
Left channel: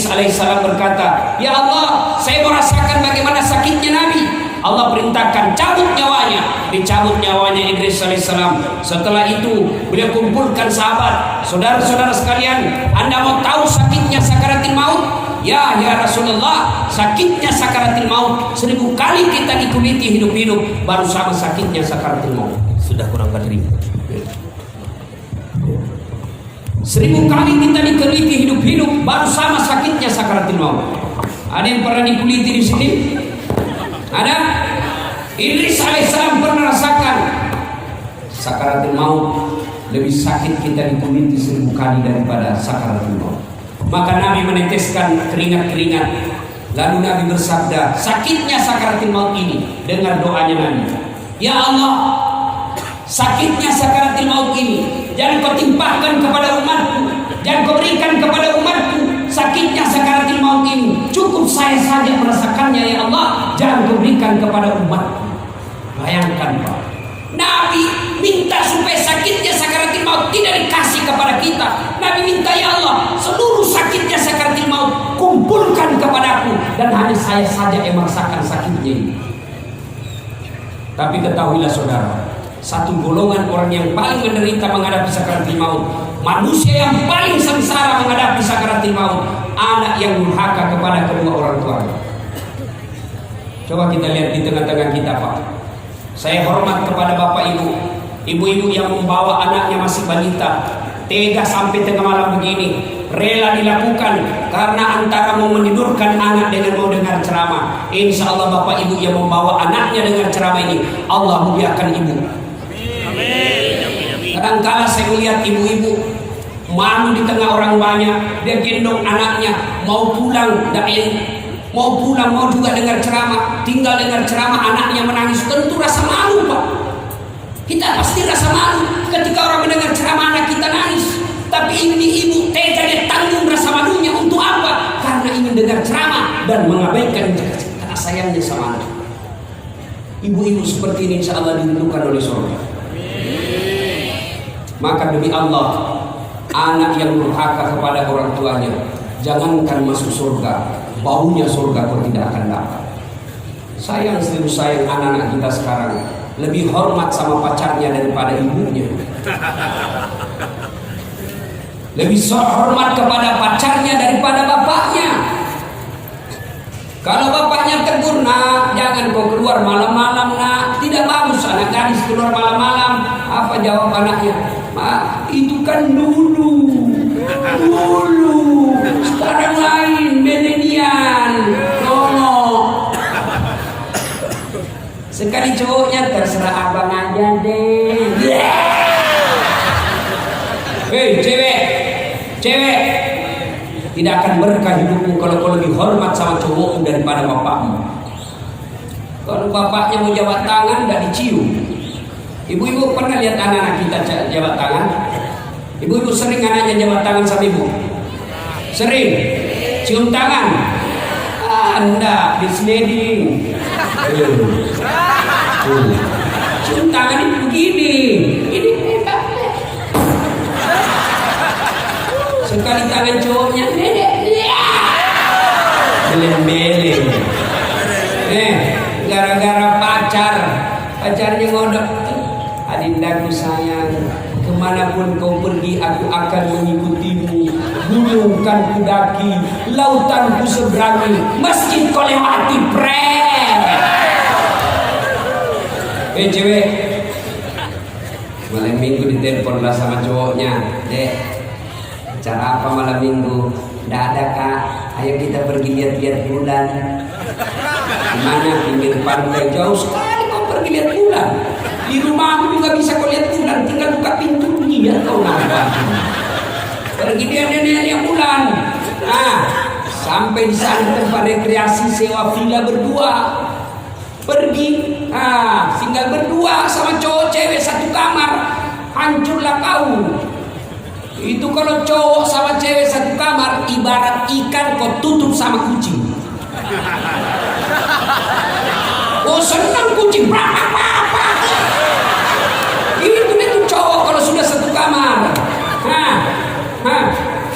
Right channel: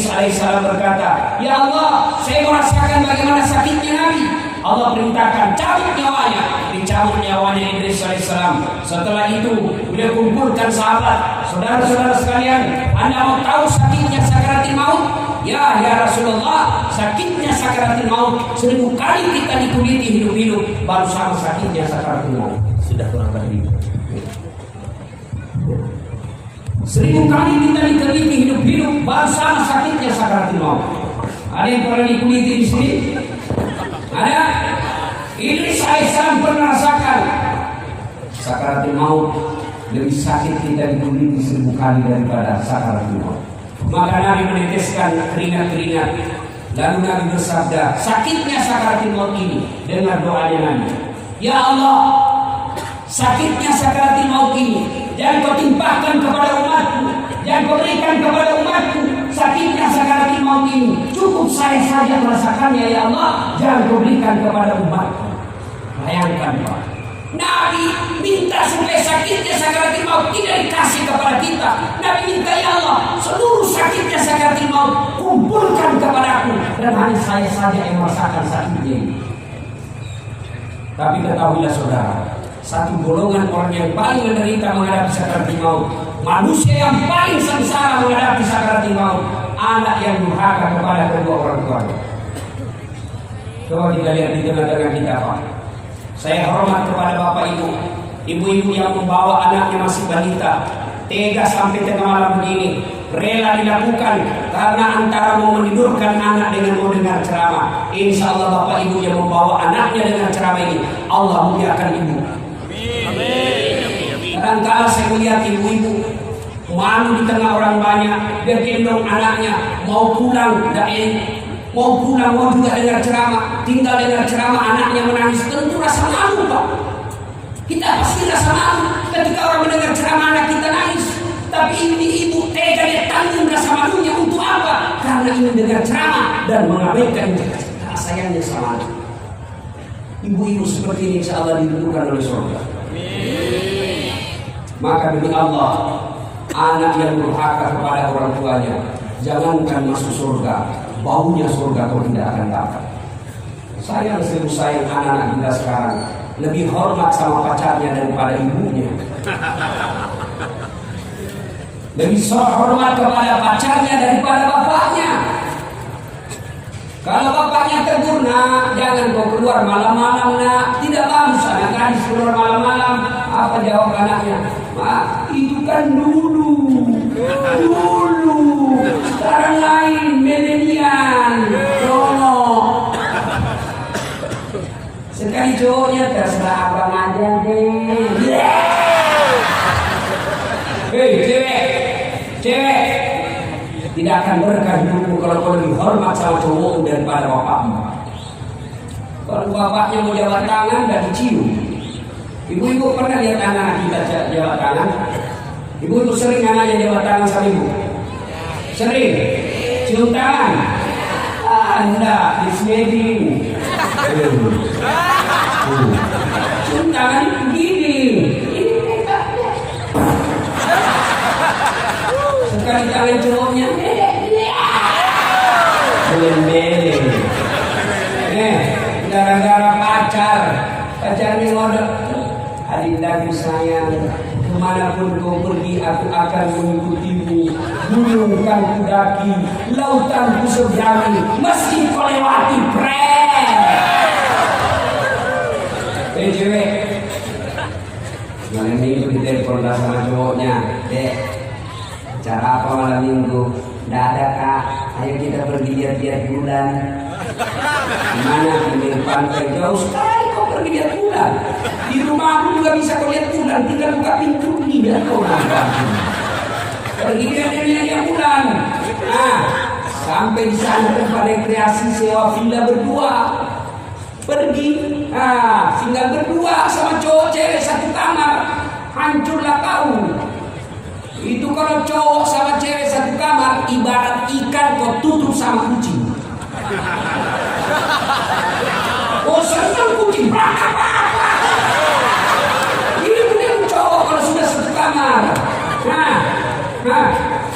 alaihissalam berkata, ya Allah, saya merasakan bagaimana sakitnya Nabi. Allah perintahkan cabut nyawanya. Dicabut nyawanya Idris alaihissalam. Setelah itu beliau kumpulkan sahabat, saudara-saudara sekalian, Anda mau tahu sakitnya sakaratil maut? Ya Rasulullah, sakitnya sakaratil maut 1000 kali kita dikuliti hidup-hidup baru sama sakitnya sakaratil maut. Sudah kurang dari 1000 kali kita dikuliti hidup-hidup baru sama sakitnya sakaratil maut. Ada yang pernah dikuliti di sini? Ada? Idris alaihissalam pernah rasakan sakaratul maut. Lebih sakit kita dikuliti 1000 kali daripada sakaratul maut. Maka Nabi meneteskan keringat-keringat. Lalu Nabi bersabda, sakitnya sakaratul maut ini, dengar doanya Nabi. Ya Allah, sakitnya sakaratul maut ini jangan kau timpahkan kepada umatku, jangan kau berikan kepada umatku sakitnya sakaratul maut ini. Cukup saya saja merasakannya ya Allah, jangan kau berikan kepada umatku. Bayangkan Pak, Nabi minta supaya sakitnya sakaratul maut tidak dikasih kepada kita. Nabi minta ya Allah, seluruh sakitnya sakaratul maut kumpulkan kepadaku, dan hanya saya saja yang merasakan sakitnya ini. Tapi ketahuilah saudara, satu golongan orang yang paling menderita menghadapi sakaratul maut, manusia yang paling sengsara menghadapi sakaratul maut, anak yang durhaka kepada kedua orang tuanya. Coba kita lihat di tengah-tengah kita Pak. Saya hormat kepada bapak ibu-ibu yang membawa anaknya masih balita, tega sampai tengah malam begini, rela dilakukan karena antara mau menidurkan anak dengan mau dengar ceramah. Insya Allah bapak ibu yang membawa anaknya dengan ceramah ini, Allah muliakan ibu. Kadang-kadang saya melihat ibu-ibu malu di tengah orang banyak, dia gendong anaknya mau pulang, mau juga dengar ceramah, tinggal dengar ceramah anaknya menangis, tentu rasa malu Pak. Kita pasti rasa malu ketika orang mendengar ceramah anak kita nangis. Tapi ini ibu tega dia tanggung rasa malunya untuk apa? Karena ingin dengar ceramah dan mengabaikan kasih sayangnya sama anak. Ibu-ibu seperti ini insya Allah dirindukan oleh surga. Maka demi Allah, anak yang durhaka kepada orang tuanya, jangankan masuk surga, baunya surga kau tidak akan dapat. Sayang anak-anak kita sekarang lebih hormat sama pacarnya daripada ibunya. Lebih hormat kepada pacarnya daripada bapaknya. Kalau bapaknya tegur, nak jangan kau keluar malam-malam nak, tidak bagus anak gadis keluar malam-malam. Apa jawab anaknya? Itu kan dulu. Sekarang lain, milenial. Sekali cowoknya terserah abang aja deh. Hei cewek, tidak akan berkah hidupmu kalau kau lebih hormat sama cowokmu daripada bapakmu. Kalau bapaknya mau jabat tangan, tidak dicium. Ibu-ibu pernah lihat anak-anak kita jabat tangan? Ibu-ibu sering anaknya jabat tangan sama ibu? Sering? Cium tangan? Anda misleading. Cium tangan itu begini. Ini sekali tangan cowoknya beleng-beleng. Gara-gara pacarnya ngodok. Adindaku sayang, kemanapun kau pergi aku akan mengikutimu. Gunung kan ku daki, lautan ku seberangi, masjid kau lewati cewek malam minggu ditelepon lah sama cowoknya, dek cara apa malam minggu? Nggak ada kak, ayo kita pergi lihat-lihat bulan. Gimana? Di pantai jauh sekali kau pergi lihat bulan. Di rumahmu juga bisa kau lihat bulan, tinggal buka pintu lihat kau nampak. Pergi lihat bulan. Nah, sampai di sana tempat rekreasi sewa villa berdua. Pergi, tinggal berdua sama cowok cewek satu kamar, hancurlah kau. Itu kalau cowok sama cewek satu kamar, ibarat ikan kau tutup sama kucing. Oh senang kucing, itu cowok kalau sudah satu kamar.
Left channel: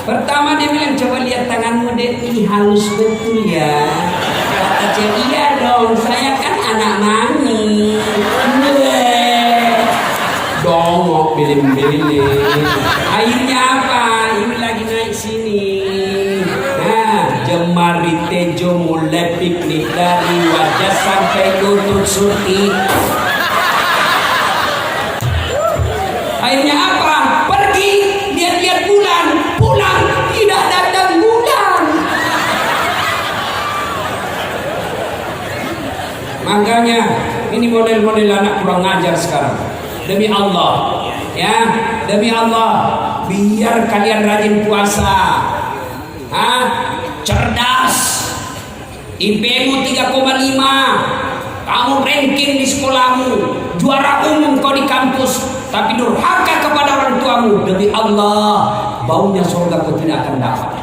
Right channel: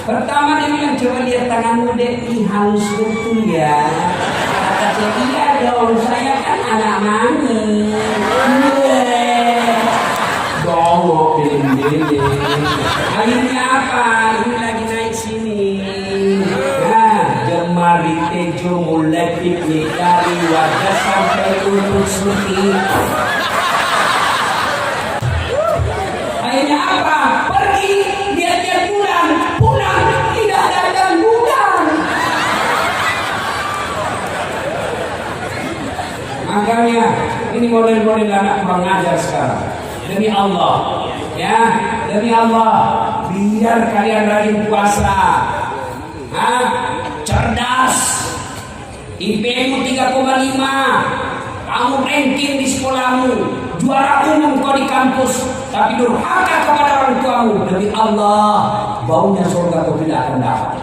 Pertama dia bilang, coba lihat tanganmu deh, halus betul ya. Kata cewek, iya dong, saya kan anak nani. Dongok bilim-bilim. Akhirnya apa? Ini lagi naik sini. Nah, jemari tejo mulai piknik dari wajah sampai lutut suti. Akhirnya apa? Pergi lihat-lihat bulan, pulang tidak datang bulan. Makanya ini model-model anak kurang ajar sekarang. Demi Allah, ya, demi Allah, biar kalian rajin puasa, cerdas, IP-mu 3,5, kamu ranking di sekolahmu, juara umum kau di kampus, tapi durhaka kepada orang tuamu. Demi Allah, baunya surga kau tidak akan dapat.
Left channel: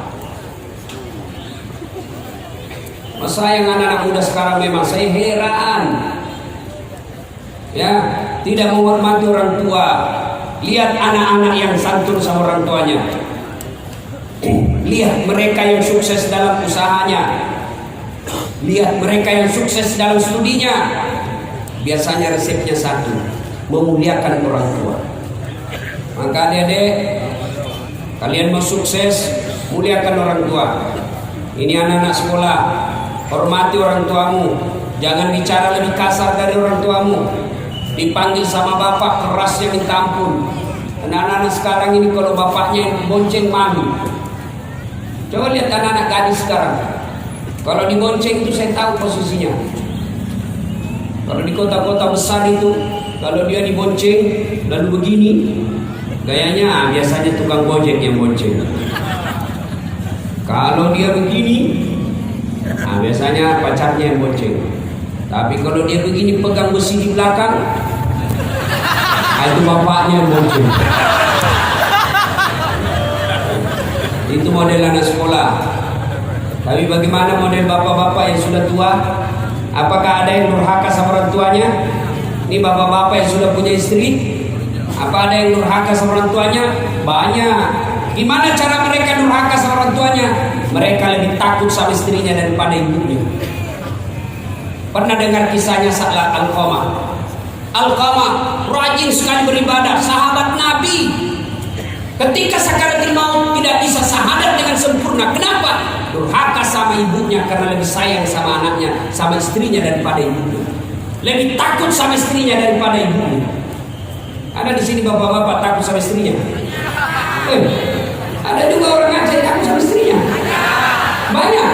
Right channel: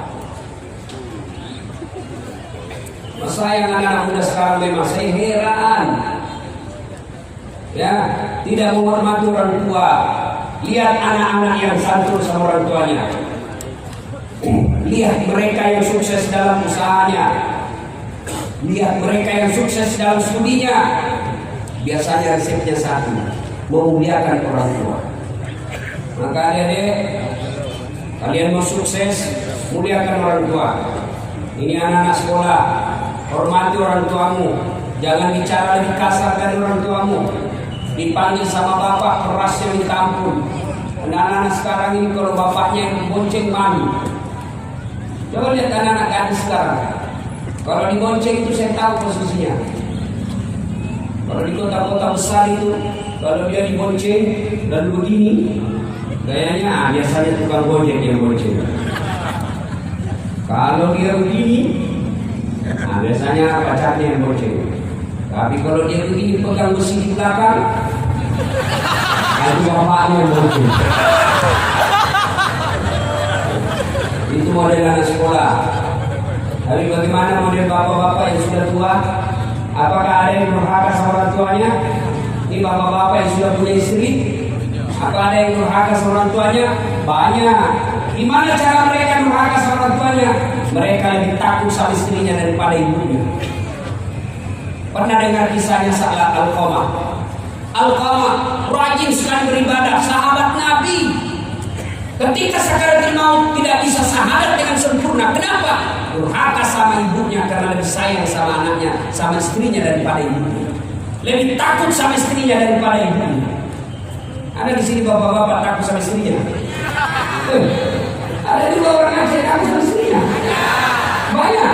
Masa yang anak-anak muda sekarang memang saya heran. Ya, tidak menghormati orang tua. Lihat anak-anak yang santun sama orang tuanya. Lihat mereka yang sukses dalam usahanya. Lihat mereka yang sukses dalam studinya. Biasanya resepnya satu, memuliakan orang tua. Maka adik-adik, kalian mau sukses, muliakan orang tua. Ini anak-anak sekolah, hormati orang tuamu. Jangan bicara lebih kasar dari orang tuamu. Dipanggil sama bapak kerasnya minta ampun. Anak-anak sekarang ini kalau bapaknya yang bonceng mami. Coba lihat anak-anak gadis sekarang. Kalau dibonceng itu saya tahu posisinya. Kalau di kota-kota besar itu, kalau dia dibonceng lalu begini, gayanya biasanya tukang gojek yang bonceng. Kalau dia begini, biasanya pacarnya yang bonceng. Tapi kalau dia begini pegang besi di belakang, itu bapaknya yang bonceng. Itu model anak sekolah. Tapi bagaimana model bapak-bapak yang sudah tua? Apakah ada yang durhaka sama orang tuanya? Ini bapak-bapak yang sudah punya istri. Apa ada yang durhaka sama orang tuanya? Banyak. Gimana cara mereka durhaka sama orang tuanya? Mereka lebih takut sama istrinya daripada ibunya. Pernah dengar kisahnya Sa'lab Al-Qamah? Al-Qamah rajin sekali beribadah, sahabat Nabi. Ketika sakaratul maut tidak bisa syahadat dengan sempurna. Kenapa? Durhaka sama ibunya karena lebih sayang sama anaknya, sama istrinya daripada ibunya. Lebih takut sama istrinya daripada ibunya. Ada di sini bapak-bapak takut sama istrinya. Ada juga orang Aceh takut sama istrinya. Banyak.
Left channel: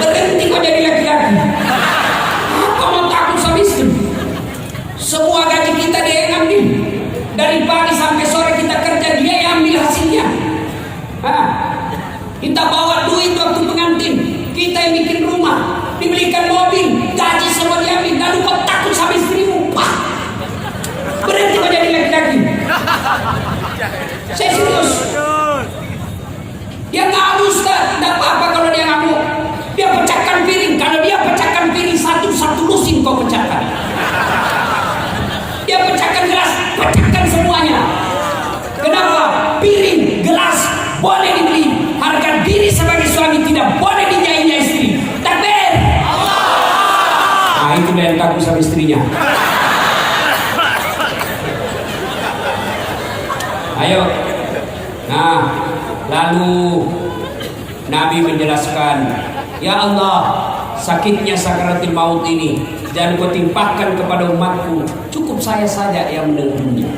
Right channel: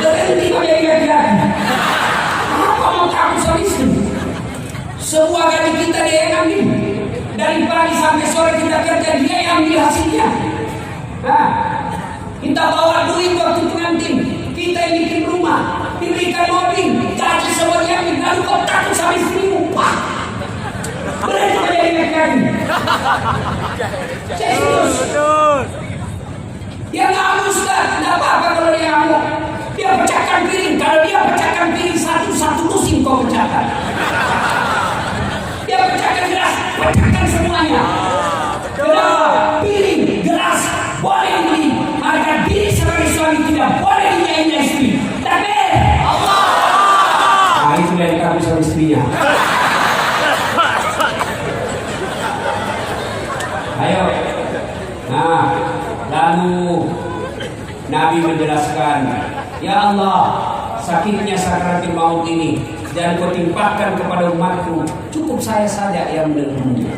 Berhenti kok jadi laki-laki. Kalau takut sama istri. Semua gaji kita dia yang ambil. Dari pagi sampai sore kita kerja, dia yang ambil hasilnya. Kita bawa duit waktu pengantin, kita yang bikin rumah, dibelikan mobil, gaji semua dia ambil. Lalu kau takut sama istrimu? Wah, berhenti kau jadi laki-laki. Saya serius. Dia ngamuk, tidak apa-apa kalau dia ngamuk. Dia pecahkan piring, kalau dia pecahkan piring satu-satu lusin kau pecahkan. Dia pecahkan gelas, pecahkan semuanya. Kenapa? Piring, gelas boleh dibeli, harga diri sebagai suami tidak boleh dinyanyinya istri. Takbir Allah. Nah, itu yang takut sama istrinya. Ayo. Nah, lalu Nabi menjelaskan, ya Allah, sakitnya sakaratul maut ini dan kau timpakan kepada umatku, cukup saya saja yang mendengarnya.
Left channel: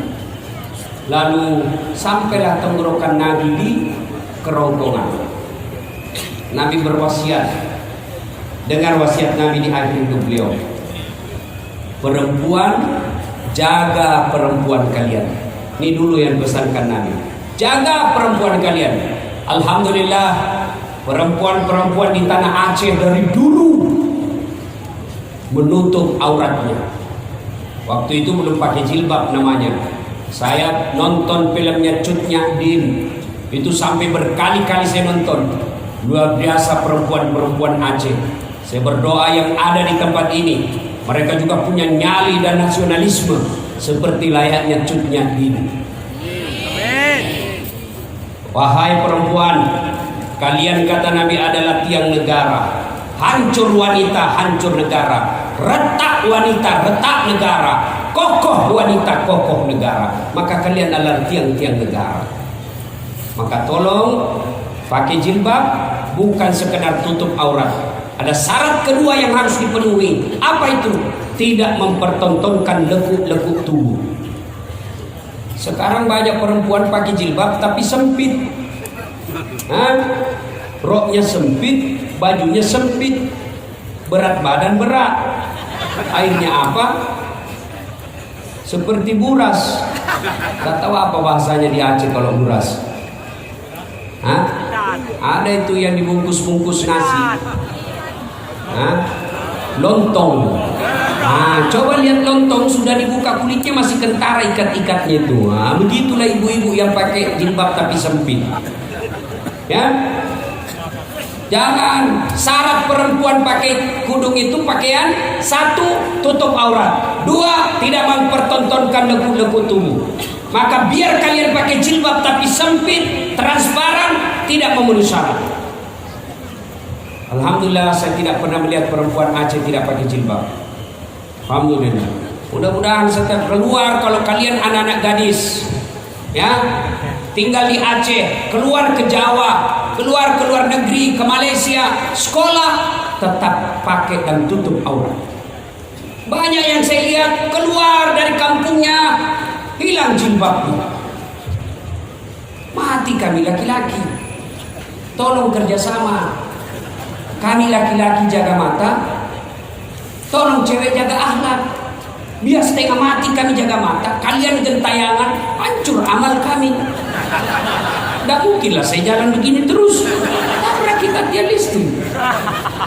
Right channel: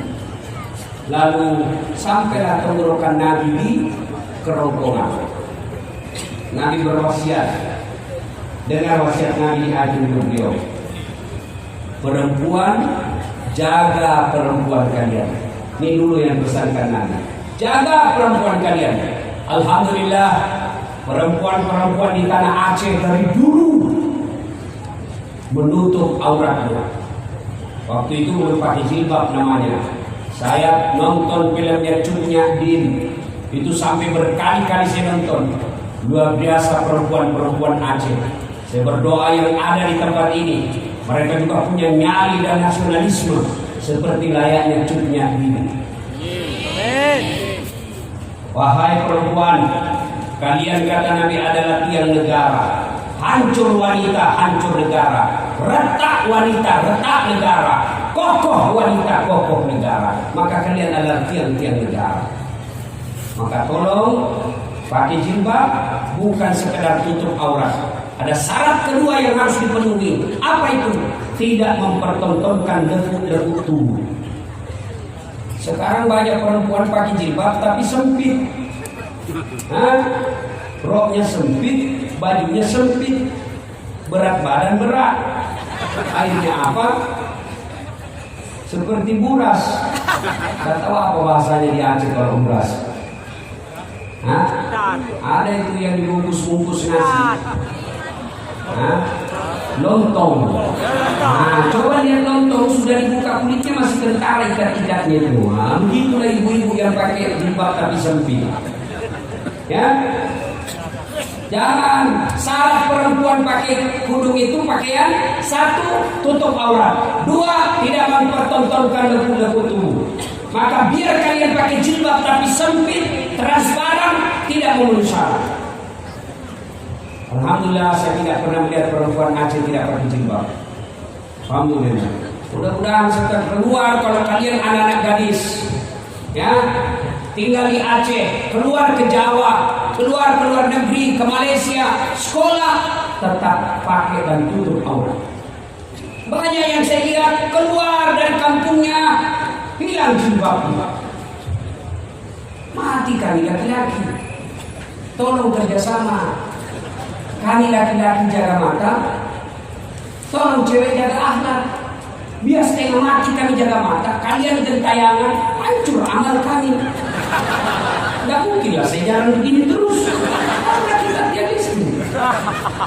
Lalu sampailah tenggorokan Nabi di kerongkongan. Nabi berwasiat. Dengar wasiat Nabi di akhir hidup beliau. Perempuan, jaga perempuan kalian. Ini dulu yang pesankan Nabi. Jaga perempuan kalian. Alhamdulillah, perempuan-perempuan di tanah Aceh dari dulu menutup auratnya. Waktu itu belum pakai jilbab namanya. Saya nonton filmnya Cut Nyahdin. Itu sampai berkali-kali saya nonton. Luar biasa perempuan-perempuan Aceh. Saya berdoa yang ada di tempat ini, mereka juga punya nyali dan nasionalisme seperti layaknya Cut Nyahdin. Wahai perempuan, kalian kata Nabi adalah tiang negara. Hancur wanita, hancur negara. retak wanita, retak negara. Kokoh wanita, kokoh negara. Maka kalian adalah tiang-tiang negara. Maka tolong pakai jilbab bukan sekedar tutup aurat. Ada syarat kedua yang harus dipenuhi. Apa itu? Tidak mempertontonkan lekuk-lekuk tubuh. Sekarang banyak perempuan pakai jilbab tapi sempit. Roknya sempit, bajunya sempit, berat badan berat. Akhirnya apa? Seperti buras. Tak tahu apa bahasanya di Aceh kalau buras. Ada itu yang dibungkus-bungkus nasi. Lontong. Coba lihat lontong sudah dibuka kulitnya masih kentara ikat-ikatnya itu. Begitulah ibu-ibu yang pakai jilbab tapi sempit. Ya. Jangan. Syarat perempuan pakai kudung itu pakaian: 1, tutup aurat; 2, tidak mempertontonkan lekuk-lekuk tubuh. Maka biar kalian pakai jilbab tapi sempit, transparan, tidak memenuhi syarat. Alhamdulillah saya tidak pernah melihat perempuan Aceh tidak pakai jilbab. Alhamdulillah. Mudah-mudahan setelah keluar, kalau kalian anak-anak gadis, ya, tinggal di Aceh, keluar ke Jawa, keluar ke luar negeri, ke Malaysia, sekolah, tetap pakai dan tutup aurat. Banyak yang saya lihat keluar dari kampungnya hilang jilbabnya. Mati kami laki-laki. Tolong kerjasama. Kami laki-laki jaga mata, tolong cewek jaga akhlak. Biar setengah mati kami jaga mata, kalian gentayangan, hancur amal kami. Tidak mungkinlah saya jalan begini terus. Karena kita idealistis.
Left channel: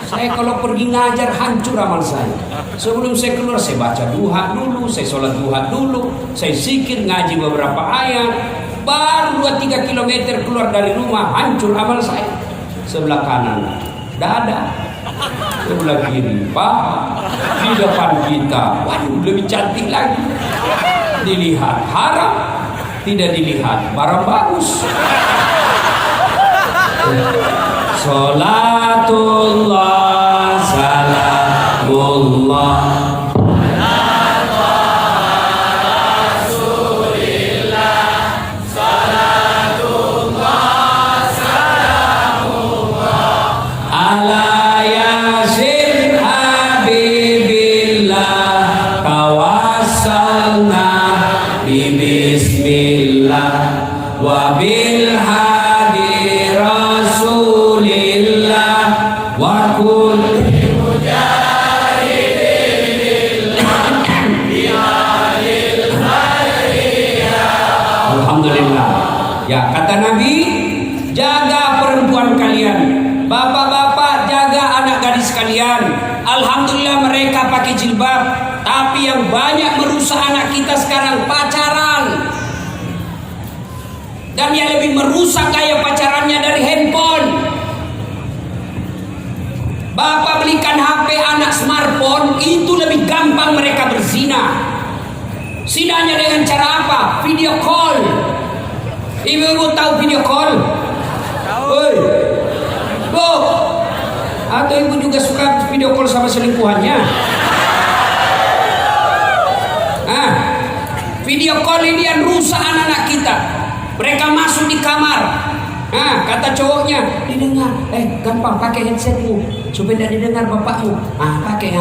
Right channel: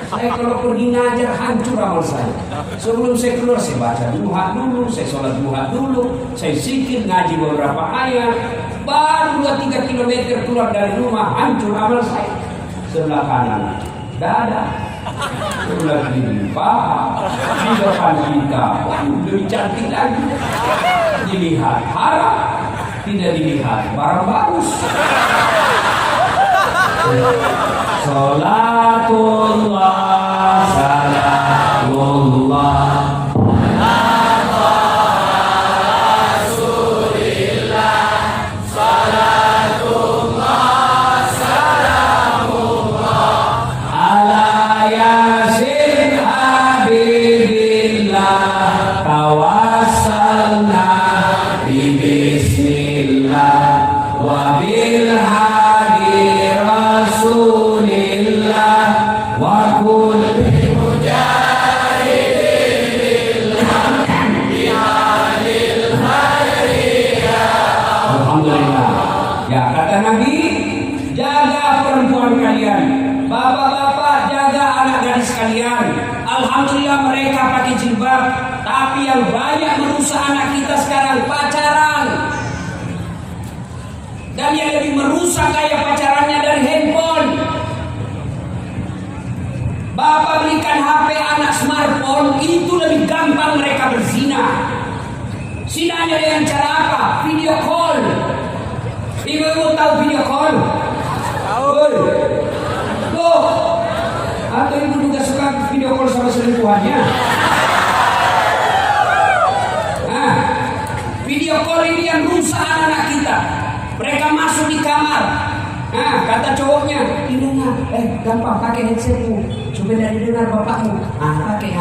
Saya kalau pergi ngajar hancur amal saya. Sebelum saya keluar saya baca duha dulu, saya sholat duha dulu, saya zikir ngaji beberapa ayat. Baru 2-3 kilometer keluar dari rumah hancur amal saya. Sebelah kanan dada, sebelah kiri paha, di depan kita, waduh lebih cantik lagi. Dilihat haram, tidak dilihat barang bagus. Salatullah, salamullah. Dan yang lebih merusak gaya pacarannya dari handphone. Bapak belikan HP anak smartphone, itu lebih gampang mereka berzina. Zinanya dengan cara apa? Video call. Ibu-ibu tahu video call? Tahu. Loh, atau ibu juga suka video call sama selingkuhannya? Video call ini yang rusak anak-anak kita. Mereka masuk di kamar. Kata cowoknya, didengar. Gampang pakai headsetmu supaya tidak didengar bapakmu. Pakai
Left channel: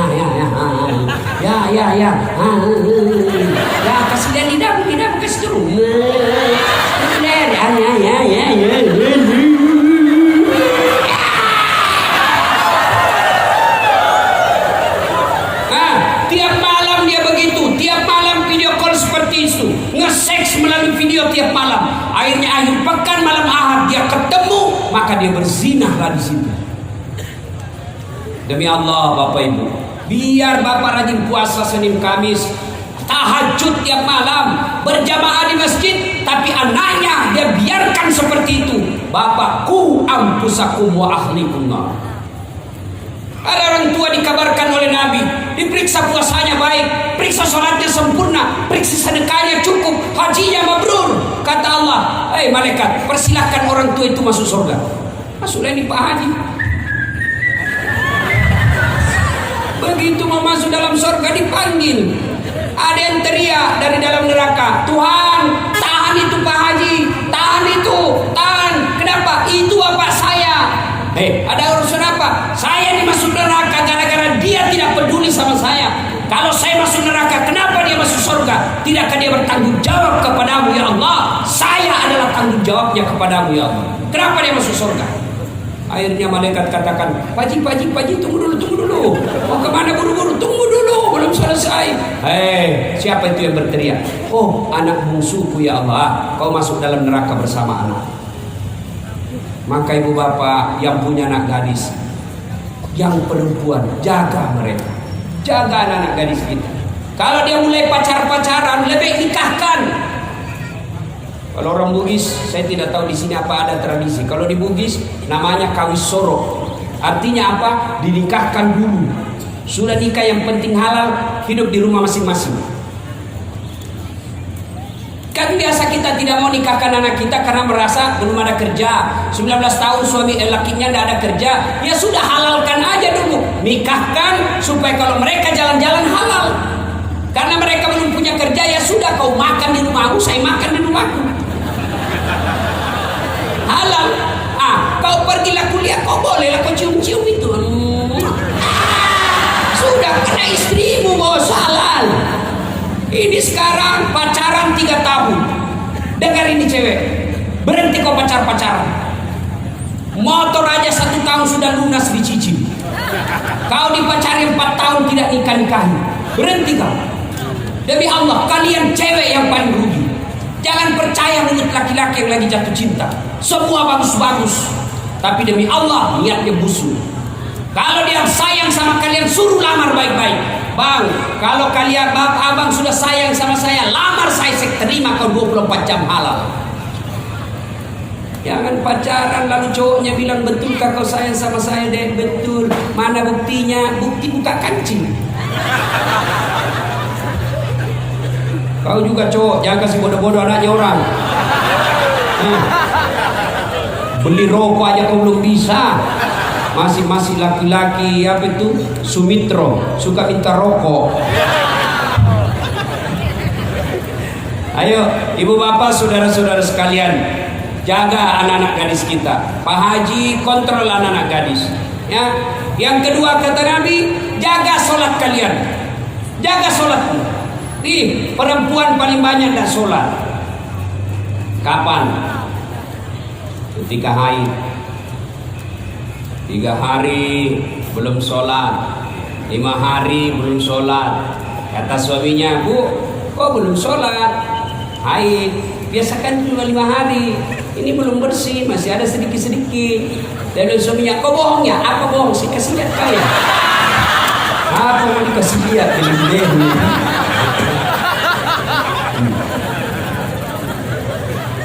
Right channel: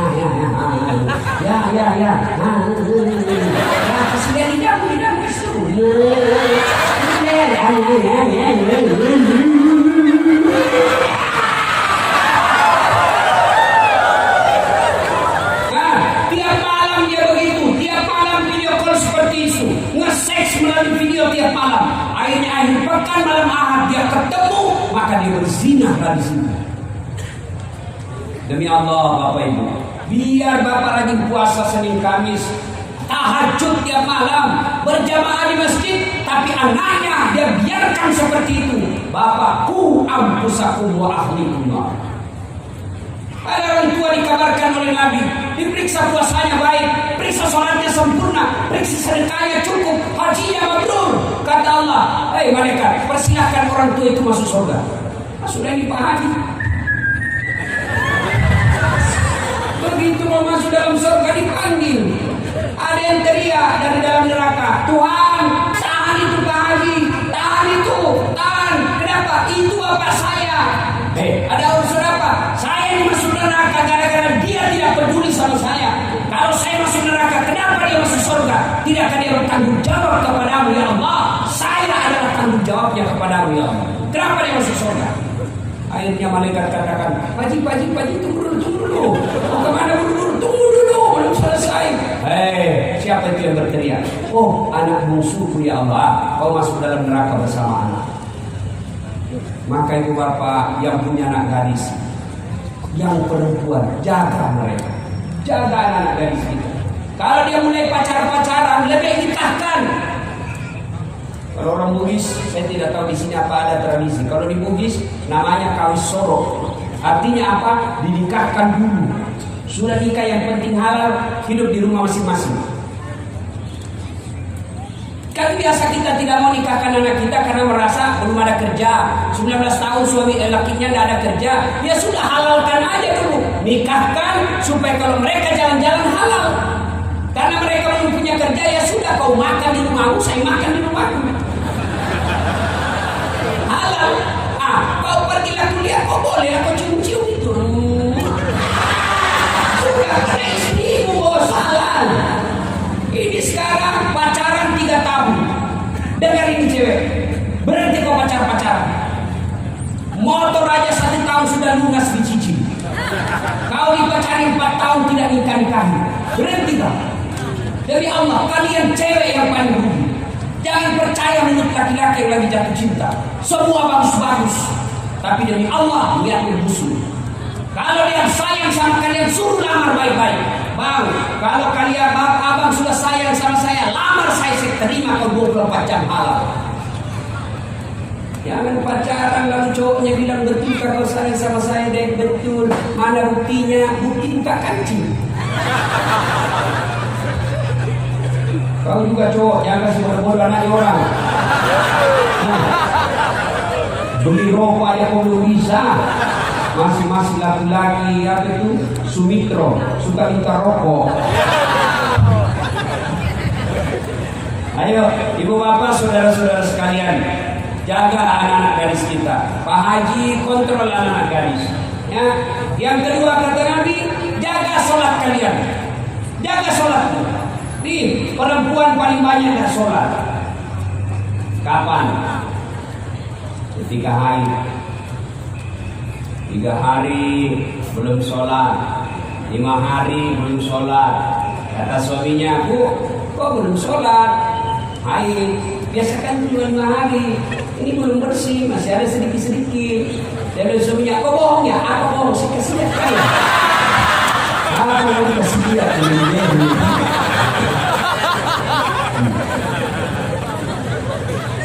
ya. Kasih lihat lidah kasih dulu. Tiap malam dia begitu. Tiap malam video call seperti itu. Nge-seks melalui video tiap malam. Akhirnya akhir pekan malam Ahad dia ketemu, maka dia berzinahlah di situ. Demi Allah Bapak Ibu, biar Bapak rajin puasa Senin Kamis, tahajud tiap malam, berjamaah di masjid, tapi anaknya dia biarkan seperti itu. Bapak, ku ampusakum wa ahlikum nar. Ada orang tua dikabarkan oleh Nabi, diperiksa puasanya baik, periksa sholatnya sempurna, periksa sedekahnya cukup, hajinya mabrur. Kata Allah, malaikat, persilahkan orang tua itu masuk surga. Masuklah ini Pak Haji. begitu mau masuk dalam surga dipanggil. Ada yang teriak dari dalam neraka, Tuhan, tahan itu Pak Haji, tahan itu, tahan. Kenapa? Itu bapak saya. Ada urusan apa? Saya dimasuk neraka gara-gara dia tidak peduli sama saya. Kalau saya masuk neraka, kenapa dia masuk surga? Tidakkah dia bertanggung jawab kepadamu ya Allah? Saya adalah tanggung jawabnya kepadamu ya Allah. Kenapa dia masuk surga? Akhirnya malaikat katakan, Paji, tunggu dulu. Mau kemana buru-buru? Tunggu dulu, belum selesai. Siapa itu yang berteriak? Oh, anak bungsuku ya Allah, kau masuk dalam neraka bersama anak. Maka ibu bapak yang punya anak gadis, yang perempuan, jaga mereka. Jaga anak-anak gadis kita. Kalau dia mulai pacaran, lebih nikahkan. Kalau orang Bugis, saya tidak tahu di sini apa ada tradisi. Kalau di Bugis namanya kawis sorok. Artinya apa? Dinikahkan dulu. Sudah nikah yang penting halal, hidup di rumah masing-masing. Kan biasa kita tidak mau nikahkan anak kita karena merasa belum ada kerja. 19 tahun suami lakinya tidak ada kerja. Ya sudah, halalkan aja dulu. Nikahkan supaya kalau mereka jalan-jalan halal. Karena mereka belum punya kerja, ya sudah, kau makan di rumahmu, saya makan di rumahku. Halal. Kau pergilah kuliah, kau bolehlah kau cium-cium itu. Sudah, kena istrimu bos, halal. Ini sekarang pacaran 3 tahun. Dengar ini cewek, berhenti kau pacaran. Motor aja 1 tahun sudah lunas dicicil. Kau dipacari 4 tahun tidak nikah-nikahi. Berhenti kau. Demi Allah, kalian cewek yang paling rugi. Jangan percaya menurut laki-laki yang lagi jatuh cinta. Semua bagus-bagus, tapi demi Allah niatnya busuk. Kalau dia sayang sama kalian, suruh lamar baik-baik. Bang, kalau kalian abang sudah sayang sama saya, lamar saya terima kau 24 jam halal. Jangan pacaran lalu cowoknya bilang, betul kau sayang sama saya deh? Betul. Mana buktinya? Bukti buka kancing. Kau juga cowok, jangan kasih bodoh-bodoh anaknya orang. Beli rokok aja kau belum bisa. Masih laki-laki apa itu? Sumitro, suka minta rokok. Ayo, ibu bapak, saudara-saudara sekalian, jaga anak-anak gadis kita. Pak Haji kontrol anak-anak gadis. Ya, yang kedua kata Nabi, jaga sholat kalian. Jaga sholatmu. Nih, perempuan paling banyak tidak sholat. Kapan? Ketika haid. 3 hari belum sholat, 5 hari belum sholat. Kata suaminya, Bu, kok belum sholat? Haid. Biasakan dulu 5 hari. Ini belum bersih, masih ada sedikit-sedikit. Dan suaminya, kok bohong ya? Apa bohong? Sih kasih lihat kali. Aku mau kasih lihat ini.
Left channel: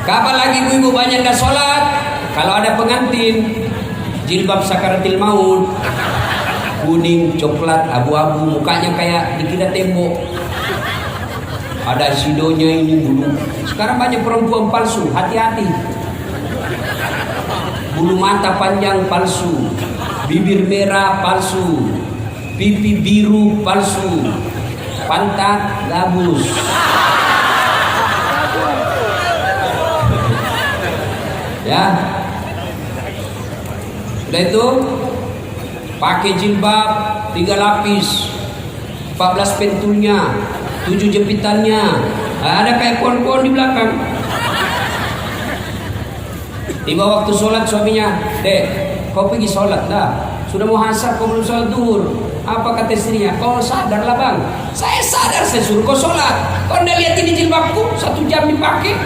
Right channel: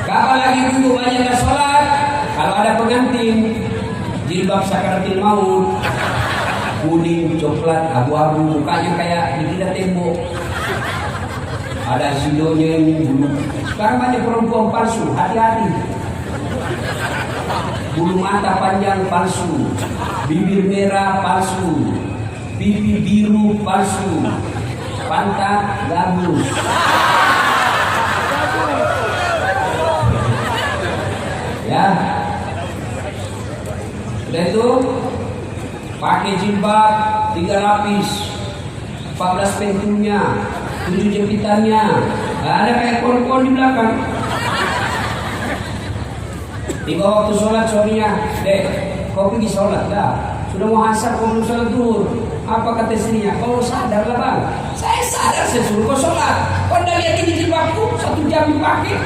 Kapan lagi ibu banyak gak sholat? Kalau ada pengantin, jilbab sakaratil maut, kuning, coklat, abu-abu, mukanya kayak dikira tembok. Ada sidonya ini bulu. Sekarang banyak perempuan palsu, hati-hati. Bulu mata panjang palsu, bibir merah palsu, pipi biru palsu, pantat gabus. Ya, sudah itu pakai jilbab 3 lapis, 14 pentulnya, 7 jepitannya, ada kayak kon-kon di belakang. Tiba waktu sholat suaminya, Dek, kau pergi sholat dah. Sudah mau asar, kau belum sholat duhur. Apa kata istrinya? Kau sadarlah bang. Saya sadar, saya suruh kau sholat. Kau udah lihat ini jilbabku 1 jam dipakai.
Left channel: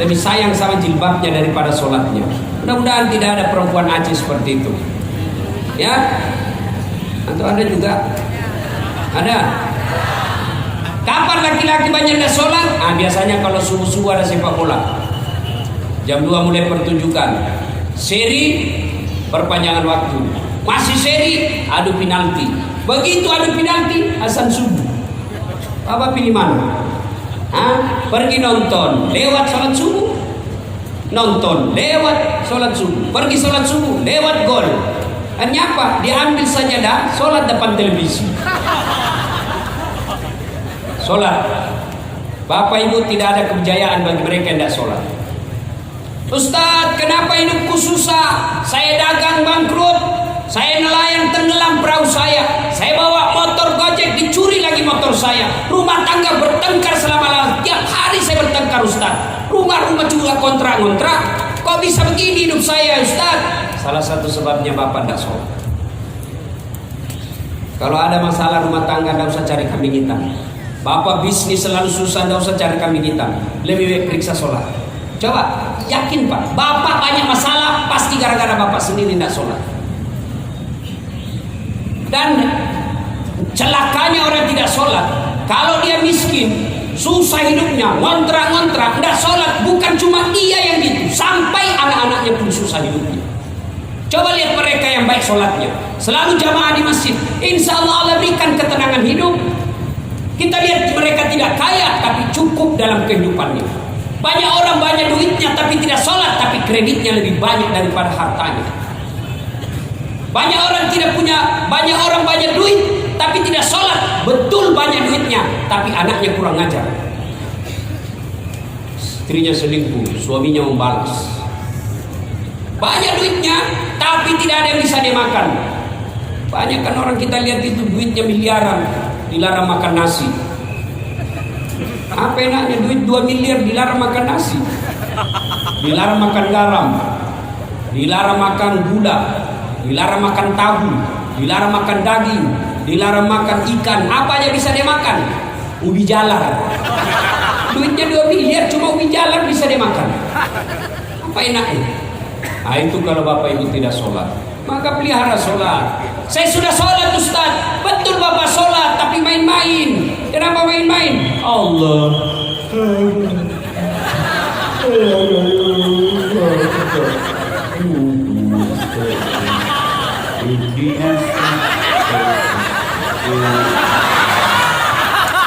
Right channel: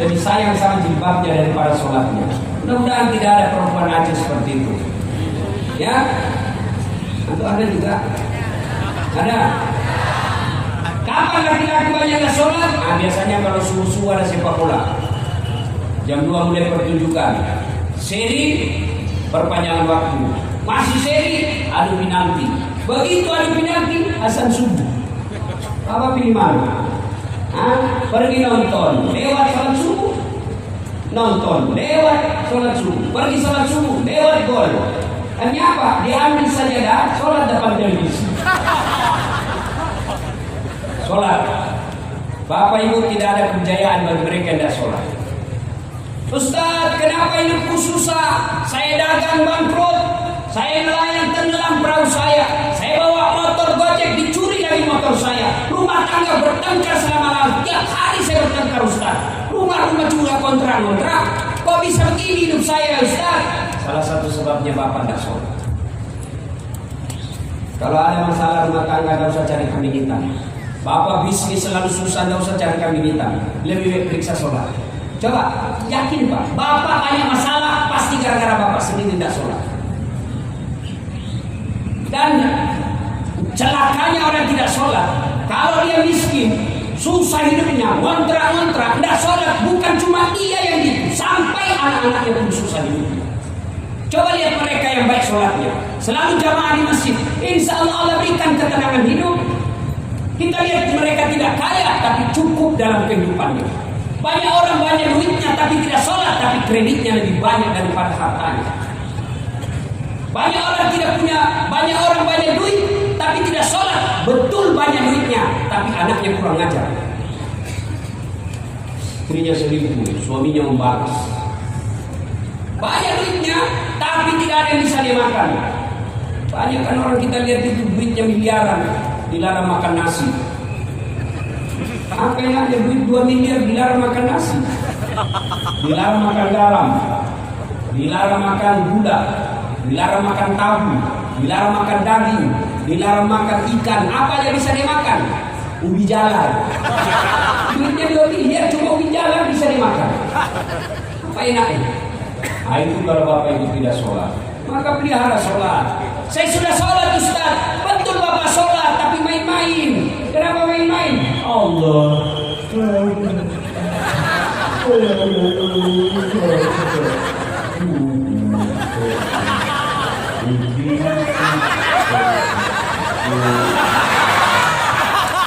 Lebih sayang sama jilbabnya daripada sholatnya. Mudah-mudahan tidak ada perempuan Aceh seperti itu. Ya, atau ada juga? Ada. Kapan laki-laki banyak gak sholat? Biasanya kalau subuh-subuh ada sepak bola. Jam 2 mulai pertunjukan. Seri perpanjangan waktu. Masih seri adu penalti. Begitu adu penalti azan subuh. Apa pilih mana? Pergi nonton, lewat sholat subuh. Nonton, lewat sholat subuh. Pergi sholat subuh, lewat gol. Hanya apa? Diambil sajadah, sholat depan televisi. Sholat. Bapak Ibu, tidak ada kejayaan bagi mereka yang tidak sholat. Ustaz, kenapa hidupku susah? Saya dagang bangkrut, saya nelayan tenggelam perahu saya bawa motor Gojek dicuri lagi motor saya, rumah tangga bertengkar selama-lamanya. Tiap hari saya bertengkar Ustaz. Rumah juga kontrak-kontrak. Kok bisa begini hidup saya Ustaz? Salah satu sebabnya Bapak tidak sholat. Kalau ada masalah rumah tangga, tidak usah cari kambing hitam. Bapak bisnis selalu susah, tidak usah cari kambing hitam. Lebih baik periksa sholat. Coba, yakin Pak, Bapak banyak masalah, pasti gara-gara Bapak sendiri tidak sholat. Dan celakanya orang tidak sholat, kalau dia miskin, susah hidupnya, ngontrak-ngontrak, tidak sholat, bukan cuma dia yang gitu, sampai anak-anaknya pun susah hidupnya. Coba lihat mereka yang baik sholatnya, selalu jamaah di masjid, insya Allah berikan ketenangan hidup. Kita lihat mereka tidak kaya, tapi cukup dalam kehidupannya. Banyak orang banyak duitnya tapi tidak sholat, tapi kreditnya lebih banyak daripada hartanya. Banyak orang tidak punya, banyak orang banyak duit tapi tidak sholat, betul banyak duitnya tapi anaknya kurang ngajar. Istrinya selingkuh, suaminya membalas. Banyak duitnya tapi tidak ada yang bisa dimakan. Banyak kan orang kita lihat itu duitnya miliaran, dilarang makan nasi. Apa yang ada duit 2 miliar dilarang makan nasi, dilarang makan garam, dilarang makan gula, dilarang makan tahu, dilarang makan daging, dilarang makan ikan. Apa aja bisa dimakan? Ubi jalar. Duitnya 2 miliar cuma ubi jalar bisa dimakan. Apa enaknya? Nah itu kalau Bapak Ibu tidak sholat, maka pelihara sholat. Saya sudah sholat Ustaz. Betul Bapak sholat, tapi main-main. Kenapa main-main? Allah.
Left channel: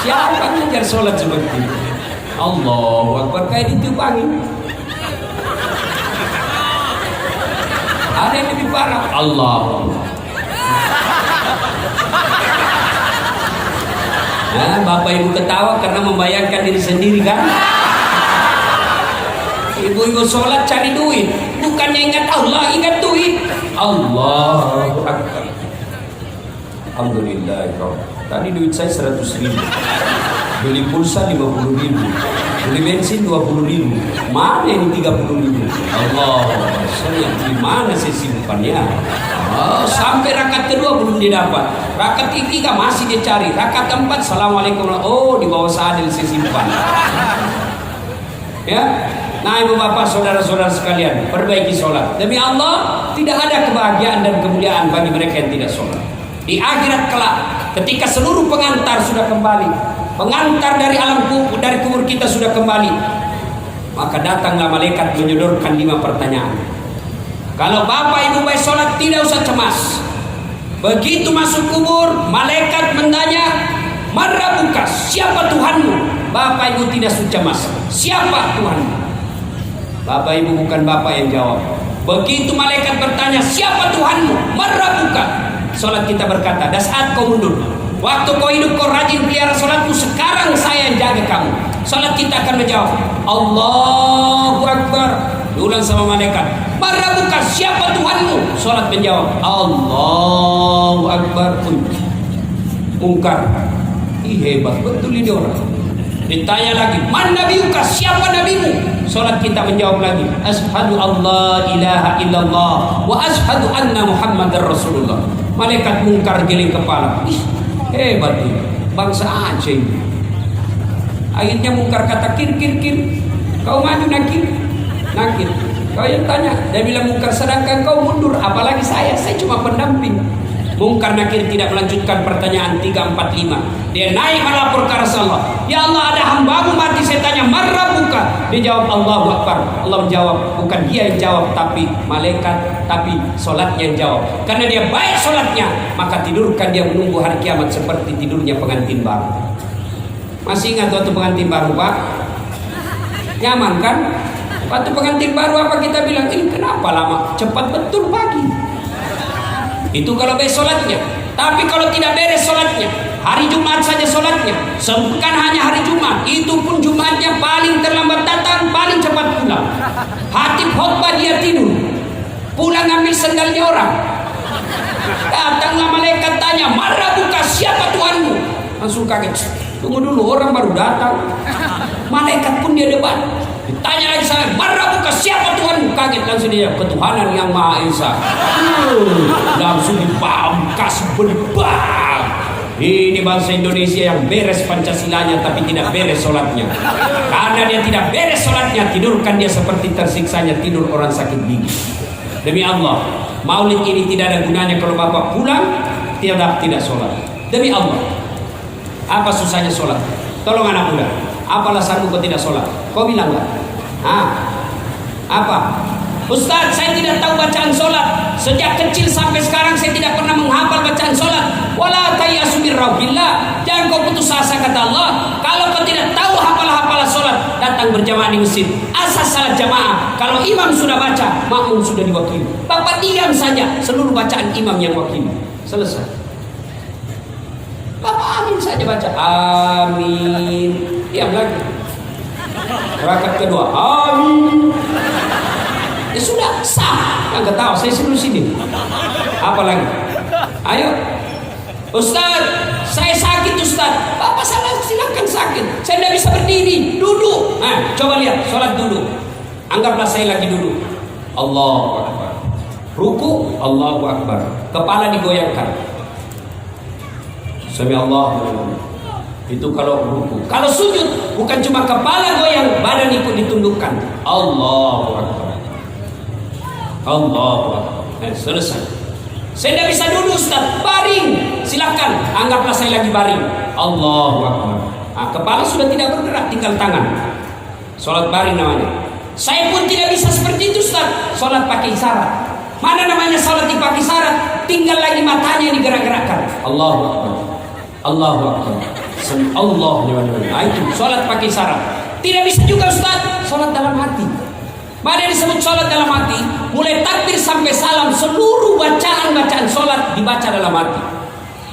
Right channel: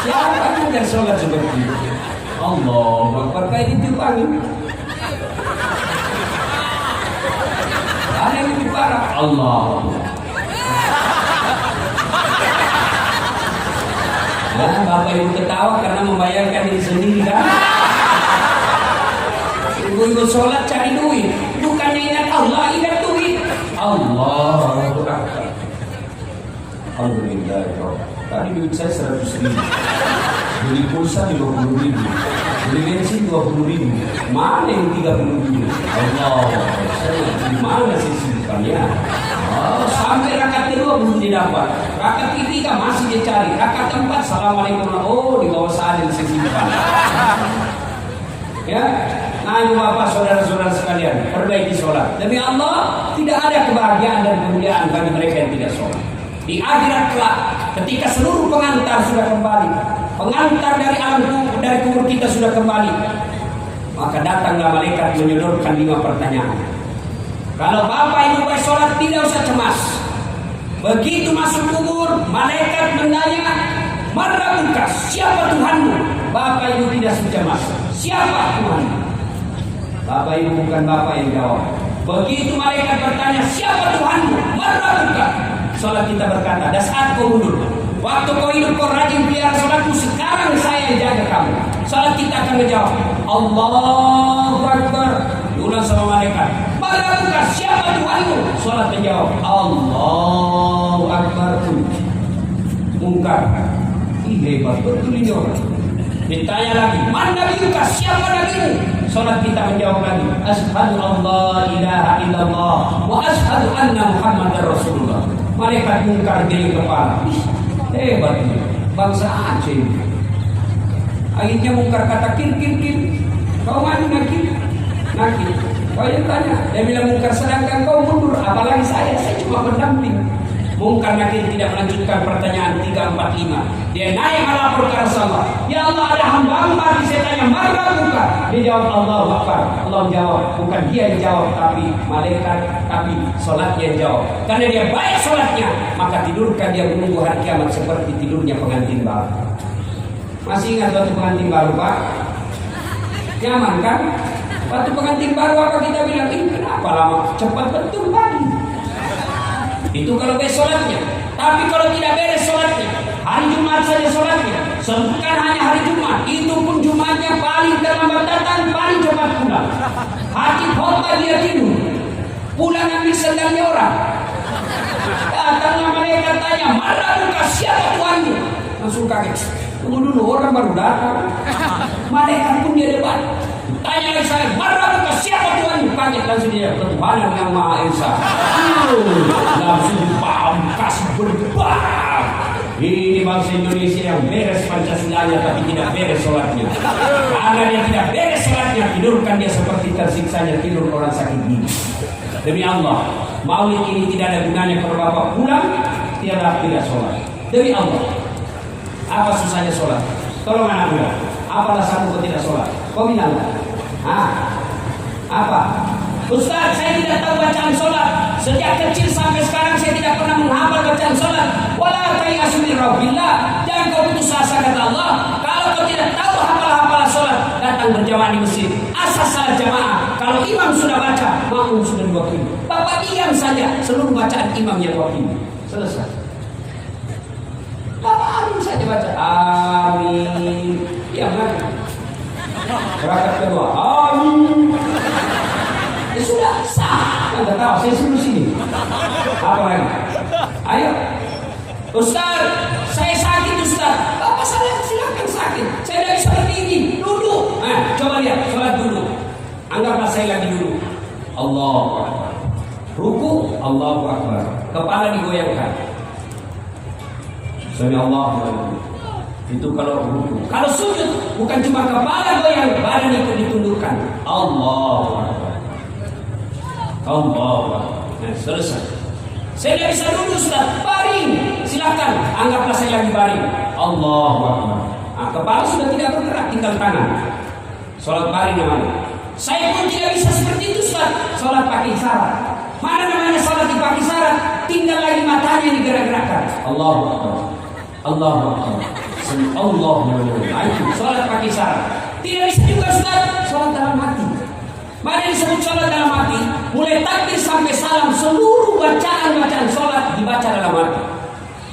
Siapa yang sholat seperti itu? Allahu Akbar, kayak ditiup angin. Ada yang lebih parah. Allah. Ya, Bapak Ibu ketawa karena membayangkan diri sendiri kan? Ibu-ibu sholat cari duit, bukannya ingat Allah, ingat duit. Allahu Akbar. Alhamdulillah. Tadi duit saya 100.000, beli pulsa 50.000, beli bensin 20.000. Mana yang 30.000? Allah, saya di mana sih simpannya? Oh, sampai rakaat kedua belum didapat, rakaat ketiga masih dicari, rakaat keempat assalamualaikum, oh di bawah sadel saya simpan. Ya, nah ibu bapak saudara-saudara sekalian, perbaiki sholat. Demi Allah tidak ada kebahagiaan dan kemuliaan bagi mereka yang tidak sholat. Di akhirat kelak, ketika seluruh pengantar sudah kembali, pengantar dari alam kubur, dari kubur kita sudah kembali, maka datanglah malaikat menyodorkan 5 pertanyaan. Kalau Bapak Ibu baik sholat tidak usah cemas. Begitu masuk kubur, malaikat menanya, "Man rabbuka?" Siapa Tuhanmu? Bapak Ibu tidak usah cemas. Siapa Tuhanmu? Bapak Ibu bukan Bapak yang jawab. Begitu malaikat bertanya, "Siapa Tuhanmu?" "Man rabbuka?" Sholat kita berkata, "Dah saat kau mundur. Waktu kau hidup kau rajin pelihara sholatmu, sekarang saya yang jaga kamu." Sholat kita akan menjawab, "Allahu Akbar." Diulang sama malaikat, "Man rabbuka?" Siapa Tuhanmu? Sholat menjawab, "Allahu Akbar." Mungkar, ih hebat betul ini orang. Ditanya lagi, "Man nabiyuka?" Siapa nabimu? Sholat kita menjawab lagi, "Asyhadu alla ilaha illallah wa asyhadu anna Muhammadar Rasulullah." Malaikat mungkar geling kepala, ih hebat ini, bangsa Aceh ini. Akhirnya mungkar kata, "Kir, kau maju nakir." Kau yang tanya, dia bilang mungkar, sedangkan kau mundur, apalagi saya cuma pendamping. Mungkar nakir tidak melanjutkan pertanyaan 3, 4, 5. Dia naik melapor ke Rasulullah, "Ya Allah, ada hambamu mati." Saya tanya, "Man rabbuka?" Dia jawab, "Allahu Akbar." Allah menjawab, bukan dia yang jawab, tapi malaikat, tapi sholatnya yang jawab. Karena dia baik sholatnya, maka tidurkan dia menunggu hari kiamat seperti tidurnya pengantin baru. Masih ingat waktu pengantin baru, Pak? Nyaman kan? Waktu pengantin baru apa kita bilang, "Ini kenapa lama?" Cepat betul pagi. Itu kalau beres sholatnya. Tapi kalau tidak beres sholatnya, hari Jumat saja sholatnya, bukan hanya hari Jumat, itu pun Jumatnya paling terlambat datang, paling cepat pulang. Hatib khotbah dia tidur, pulang ambil sendalnya orang. Datanglah malaikat tanya, "Marah buka, siapa Tuhanmu?" Langsung kaget. Tunggu dulu, orang baru datang. Malaikat pun dia debat. Ditanya lagi saya, "Marah buka, siapa Tuhanmu?" Kaget langsung dia, "Ketuhanan yang Maha Esa." Langsung dipangkas berbang. Ini bangsa Indonesia yang beres Pancasilanya tapi tidak beres sholatnya. Karena dia tidak beres sholatnya, tidurkan dia seperti tersiksanya tidur orang sakit gigi. Demi Allah, maulid ini tidak ada gunanya kalau bapak pulang tidak sholat. Demi Allah, apa susahnya sholat? Tolong anak muda, apa alasanmu kau tidak sholat? Kau bilang enggak? Apa? Ustaz, saya tidak tahu bacaan sholat. Sejak kecil sampai sekarang saya tidak pernah menghafal bacaan sholat. Wala tayasu min rauhillah. Jangan kau putus asa, kata Allah. Kalau kau tidak tahu hafalan sholat, datang berjamaah di masjid. Asas salat jamaah. Kalau imam sudah baca, makmum sudah diwakili. Bapak diam saja, seluruh bacaan imam yang wakili. Selesai. Bapak amin saja baca. Amin. Diam lagi. Rakaat kedua. Amin. Ya sudah, sah. Enggak tahu, saya suruh sini. Apa lagi? Ayo. Ustaz, saya sakit Ustaz. Bapak salah, silakan sakit. Saya tidak bisa berdiri, duduk. Coba lihat, sholat duduk. Anggaplah saya lagi duduk. Allahu Akbar. Ruku, Allahu Akbar. Kepala digoyangkan. Sami Allahu Akbar. Itu kalau ruku. Kalau sujud, bukan cuma kepala goyang, badan ikut ditundukkan. Allahu Akbar. Allah, selesai. Saya tidak bisa duduk Ustaz, baring. Silakan, anggaplah saya lagi baring. Allahu Akbar. Kepala sudah tidak bergerak, tinggal tangan. Sholat baring namanya. Saya pun tidak bisa seperti itu Ustaz. Sholat pakai isyarat. Mana namanya sholat dipakai isyarat? Tinggal lagi matanya yang digerak-gerakkan. Allahu Akbar. Allahu Akbar. Allahu Akbar. Itu sholat pakai isyarat. Tidak bisa juga Ustaz, sholat dalam hati. Mana disebut sholat dalam hati? Mulai takbir sampai salam, seluruh bacaan sholat dibaca dalam hati.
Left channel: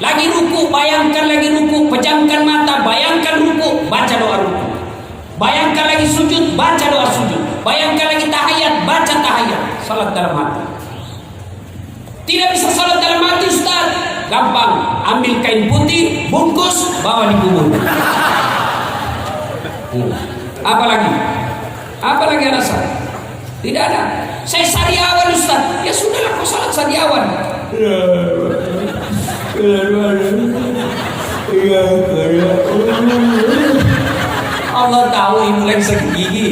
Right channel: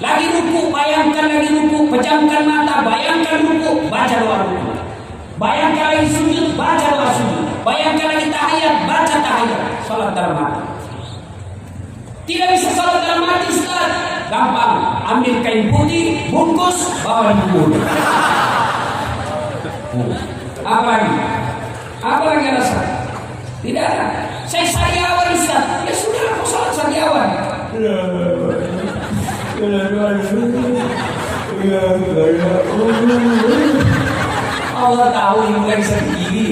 Lagi ruku, bayangkan lagi ruku, pejamkan mata, bayangkan ruku, baca doa ruku. Bayangkan lagi sujud, baca doa sujud. Bayangkan lagi tahiyat, baca tahiyat. Sholat dalam hati. Tidak bisa sholat dalam hati Ustaz? Gampang, ambil kain putih, bungkus, bawa di kubur. Apa lagi? Apa lagi alasan? Tidak ada. Saya sariawan Ustaz. Ya sudah, aku sholat sariawan. Allah tahu ibu lagi sakit gigi.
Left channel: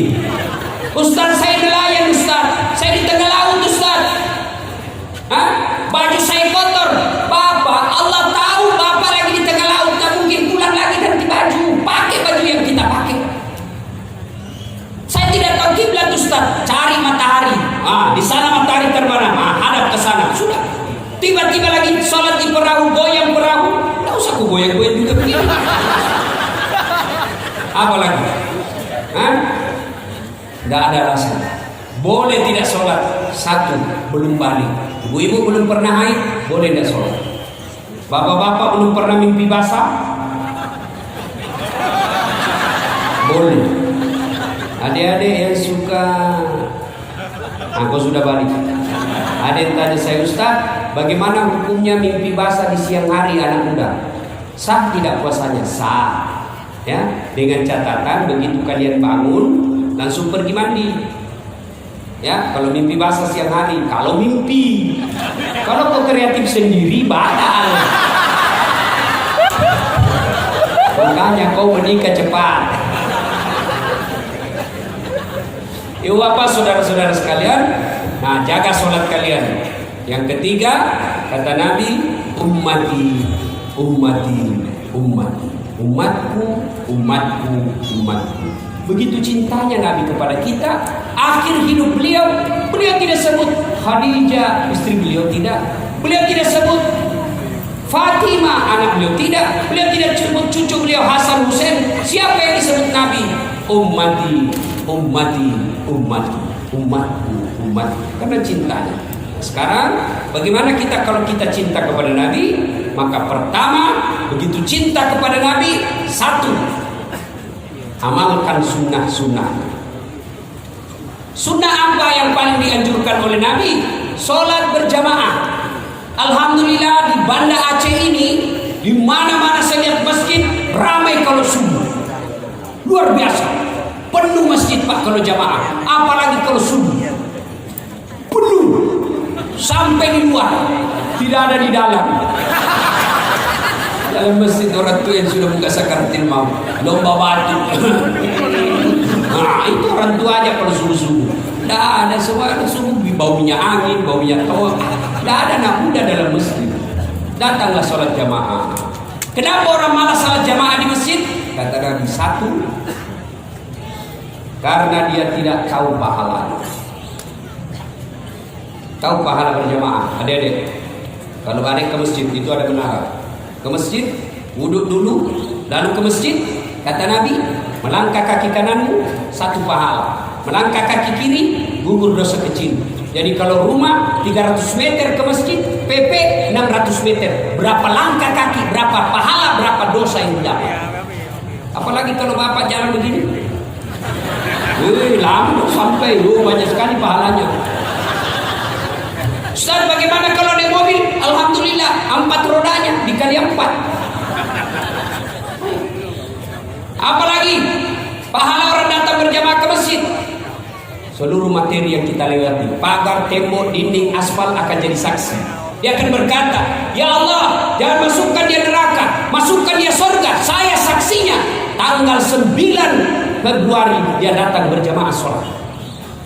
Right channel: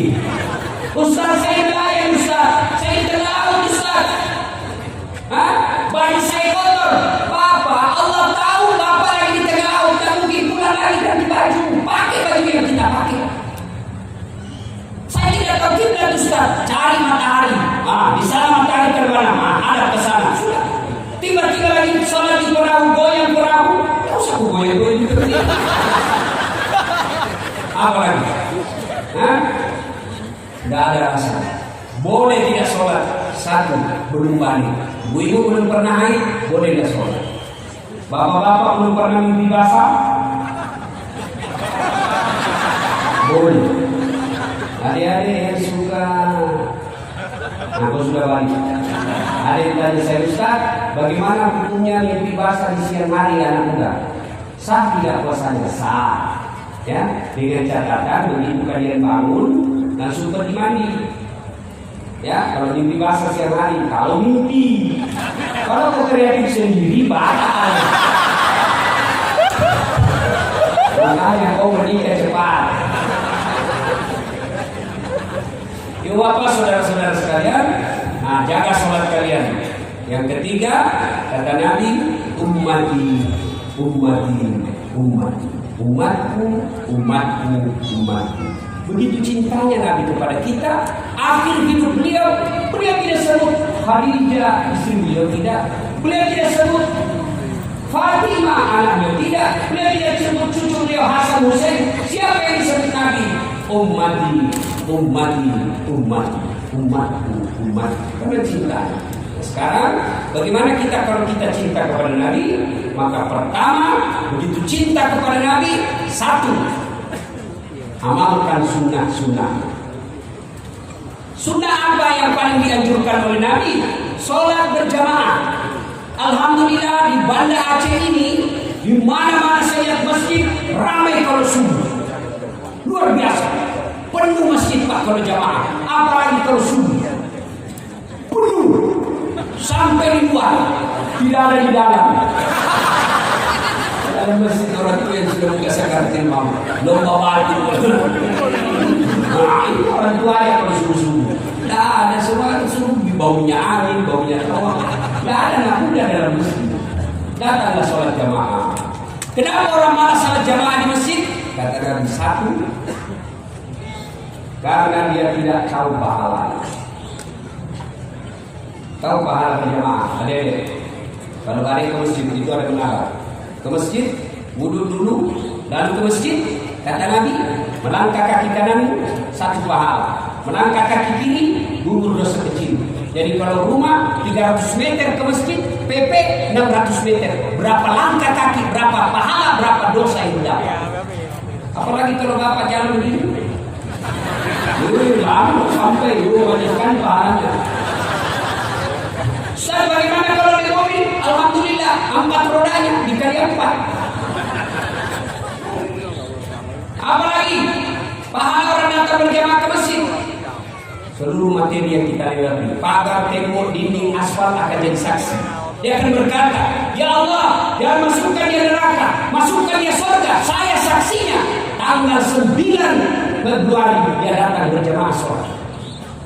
Ustaz, saya nelayan Ustaz. Saya di tengah laut Ustaz. Baju saya kotor. Bapak, Allah tahu Bapak lagi di tengah laut. Tak mungkin pulang lagi ganti baju. Pakai baju yang kita pakai. Saya tidak tahu kiblat Ustaz. Cari matahari. Di sana matahari terbenam. Hadap ke sana. Sudah. Tiba-tiba lagi sholat di perahu, goyang perahu. Tidak usah aku goyang-goyang gitu. Apa lagi? Tidak ada alasan. Boleh tidak sholat. Satu, belum balik. Ibu-ibu belum pernah haid, boleh tidak sholat. Bapak-bapak belum pernah mimpi basah, boleh. Adik-adik yang suka, aku sudah balik. Adik tadi saya, Ustaz, bagaimana hukumnya mimpi basah di siang hari anak muda? Sah tidak puasanya? Sah. Ya, dengan catatan begitu kalian bangun langsung pergi mandi. Ya, kalau mimpi basah siang hari, kalau mimpi. Kalau kau kreatif sendiri, batal. Makanya kau menikah cepat. Yuk Bapak, saudara-saudara sekalian, jaga sholat kalian. Yang ketiga, kata Nabi, ummati, ummati, ummati. Umatku, umatku, umatku. Begitu cintanya Nabi kepada kita. Akhir hidup beliau tidak sebut Khadijah istri beliau, tidak. Beliau tidak sebut Fatimah anak beliau, tidak. Beliau tidak sebut cucu beliau Hasan Hussein. Siapa yang disebut Nabi? Ummati, ummati, ummati, umatku, umatku. Karena cintanya. Sekarang bagaimana kita kalau kita cinta kepada Nabi? Maka pertama, begitu cinta kepada Nabi, satu, amalkan sunnah-sunnah. Sunnah apa yang paling dianjurkan oleh Nabi? Sholat berjamaah. Alhamdulillah di Banda Aceh ini, di mana-mana saya lihat masjid ramai kalau subuh. Luar biasa, penuh masjid Pak kalau jamaah. Apalagi kalau subuh, penuh sampai di luar, tidak ada di dalam. Dalam masjid orang tua yang sudah buka sakaratil maut, lomba batu. Nah itu orang tua aja kalau subuh-subuh. Tidak ada semua subuh baunya angin, baunya tawa. Tidak ada anak muda dalam masjid. Datanglah sholat jamaah. Kenapa orang malas sholat jamaah di masjid? Kata Nabi, satu, karena dia tidak tahu pahala. Tahu pahala berjamaah, adik-adik. Kalau adik ke masjid itu ada menara. Ke masjid, wudhu dulu, lalu ke masjid. Kata Nabi, melangkah kaki kananmu satu pahala, melangkah kaki kiri gugur dosa kecil. Jadi kalau rumah 300 meter ke masjid, PP 600 meter. Berapa langkah kaki, berapa pahala, berapa dosa yang didapat. Apalagi kalau bapak jalan begini, lama sampai banyak sekali pahalanya. Ustaz, bagaimana kalau naik mobil? Alhamdulillah 4 rodanya dikali 4. Apalagi pahala orang datang berjamaah ke masjid. Seluruh materi yang kita lewati, pagar, tembok, dinding, aspal akan jadi saksi. Dia akan berkata, ya Allah, jangan masukkan dia neraka, masukkan dia surga. Saya saksinya. Tanggal 9 Februari dia datang berjamaah sholat.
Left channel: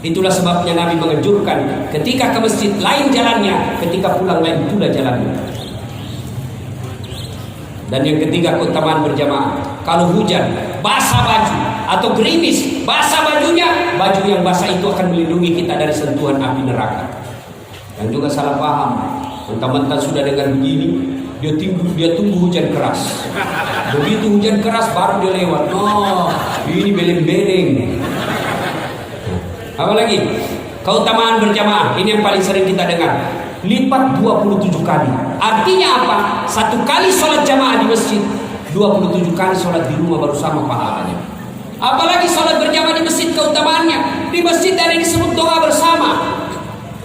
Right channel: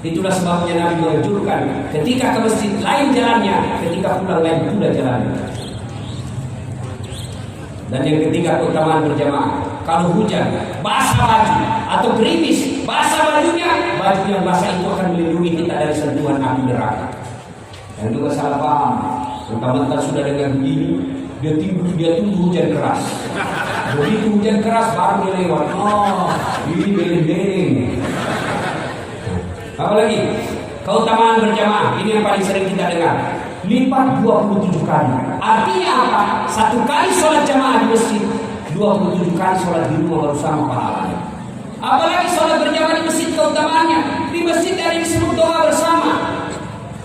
Itulah sebabnya Nabi menganjurkan ketika ke masjid lain jalannya, ketika pulang lain pula jalannya. Dan yang ketiga, keutamaan berjamaah. Kalau hujan, basah baju atau gerimis, basah bajunya, baju yang basah itu akan melindungi kita dari sentuhan api neraka. Dan juga salah paham, mentang-mentang sudah dengar begini, dia tunggu hujan keras. Begitu hujan keras baru dia lewat. Oh, ini beleng-beleng. Apalagi keutamaan berjamaah, ini yang paling sering kita dengar. Lipat 27 kali. Artinya apa? 1 kali sholat jamaah di masjid, 27 kali sholat di rumah baru sama pahalanya. Apalagi sholat berjamaah di masjid, keutamaannya. Di masjid ada disebut doa bersama.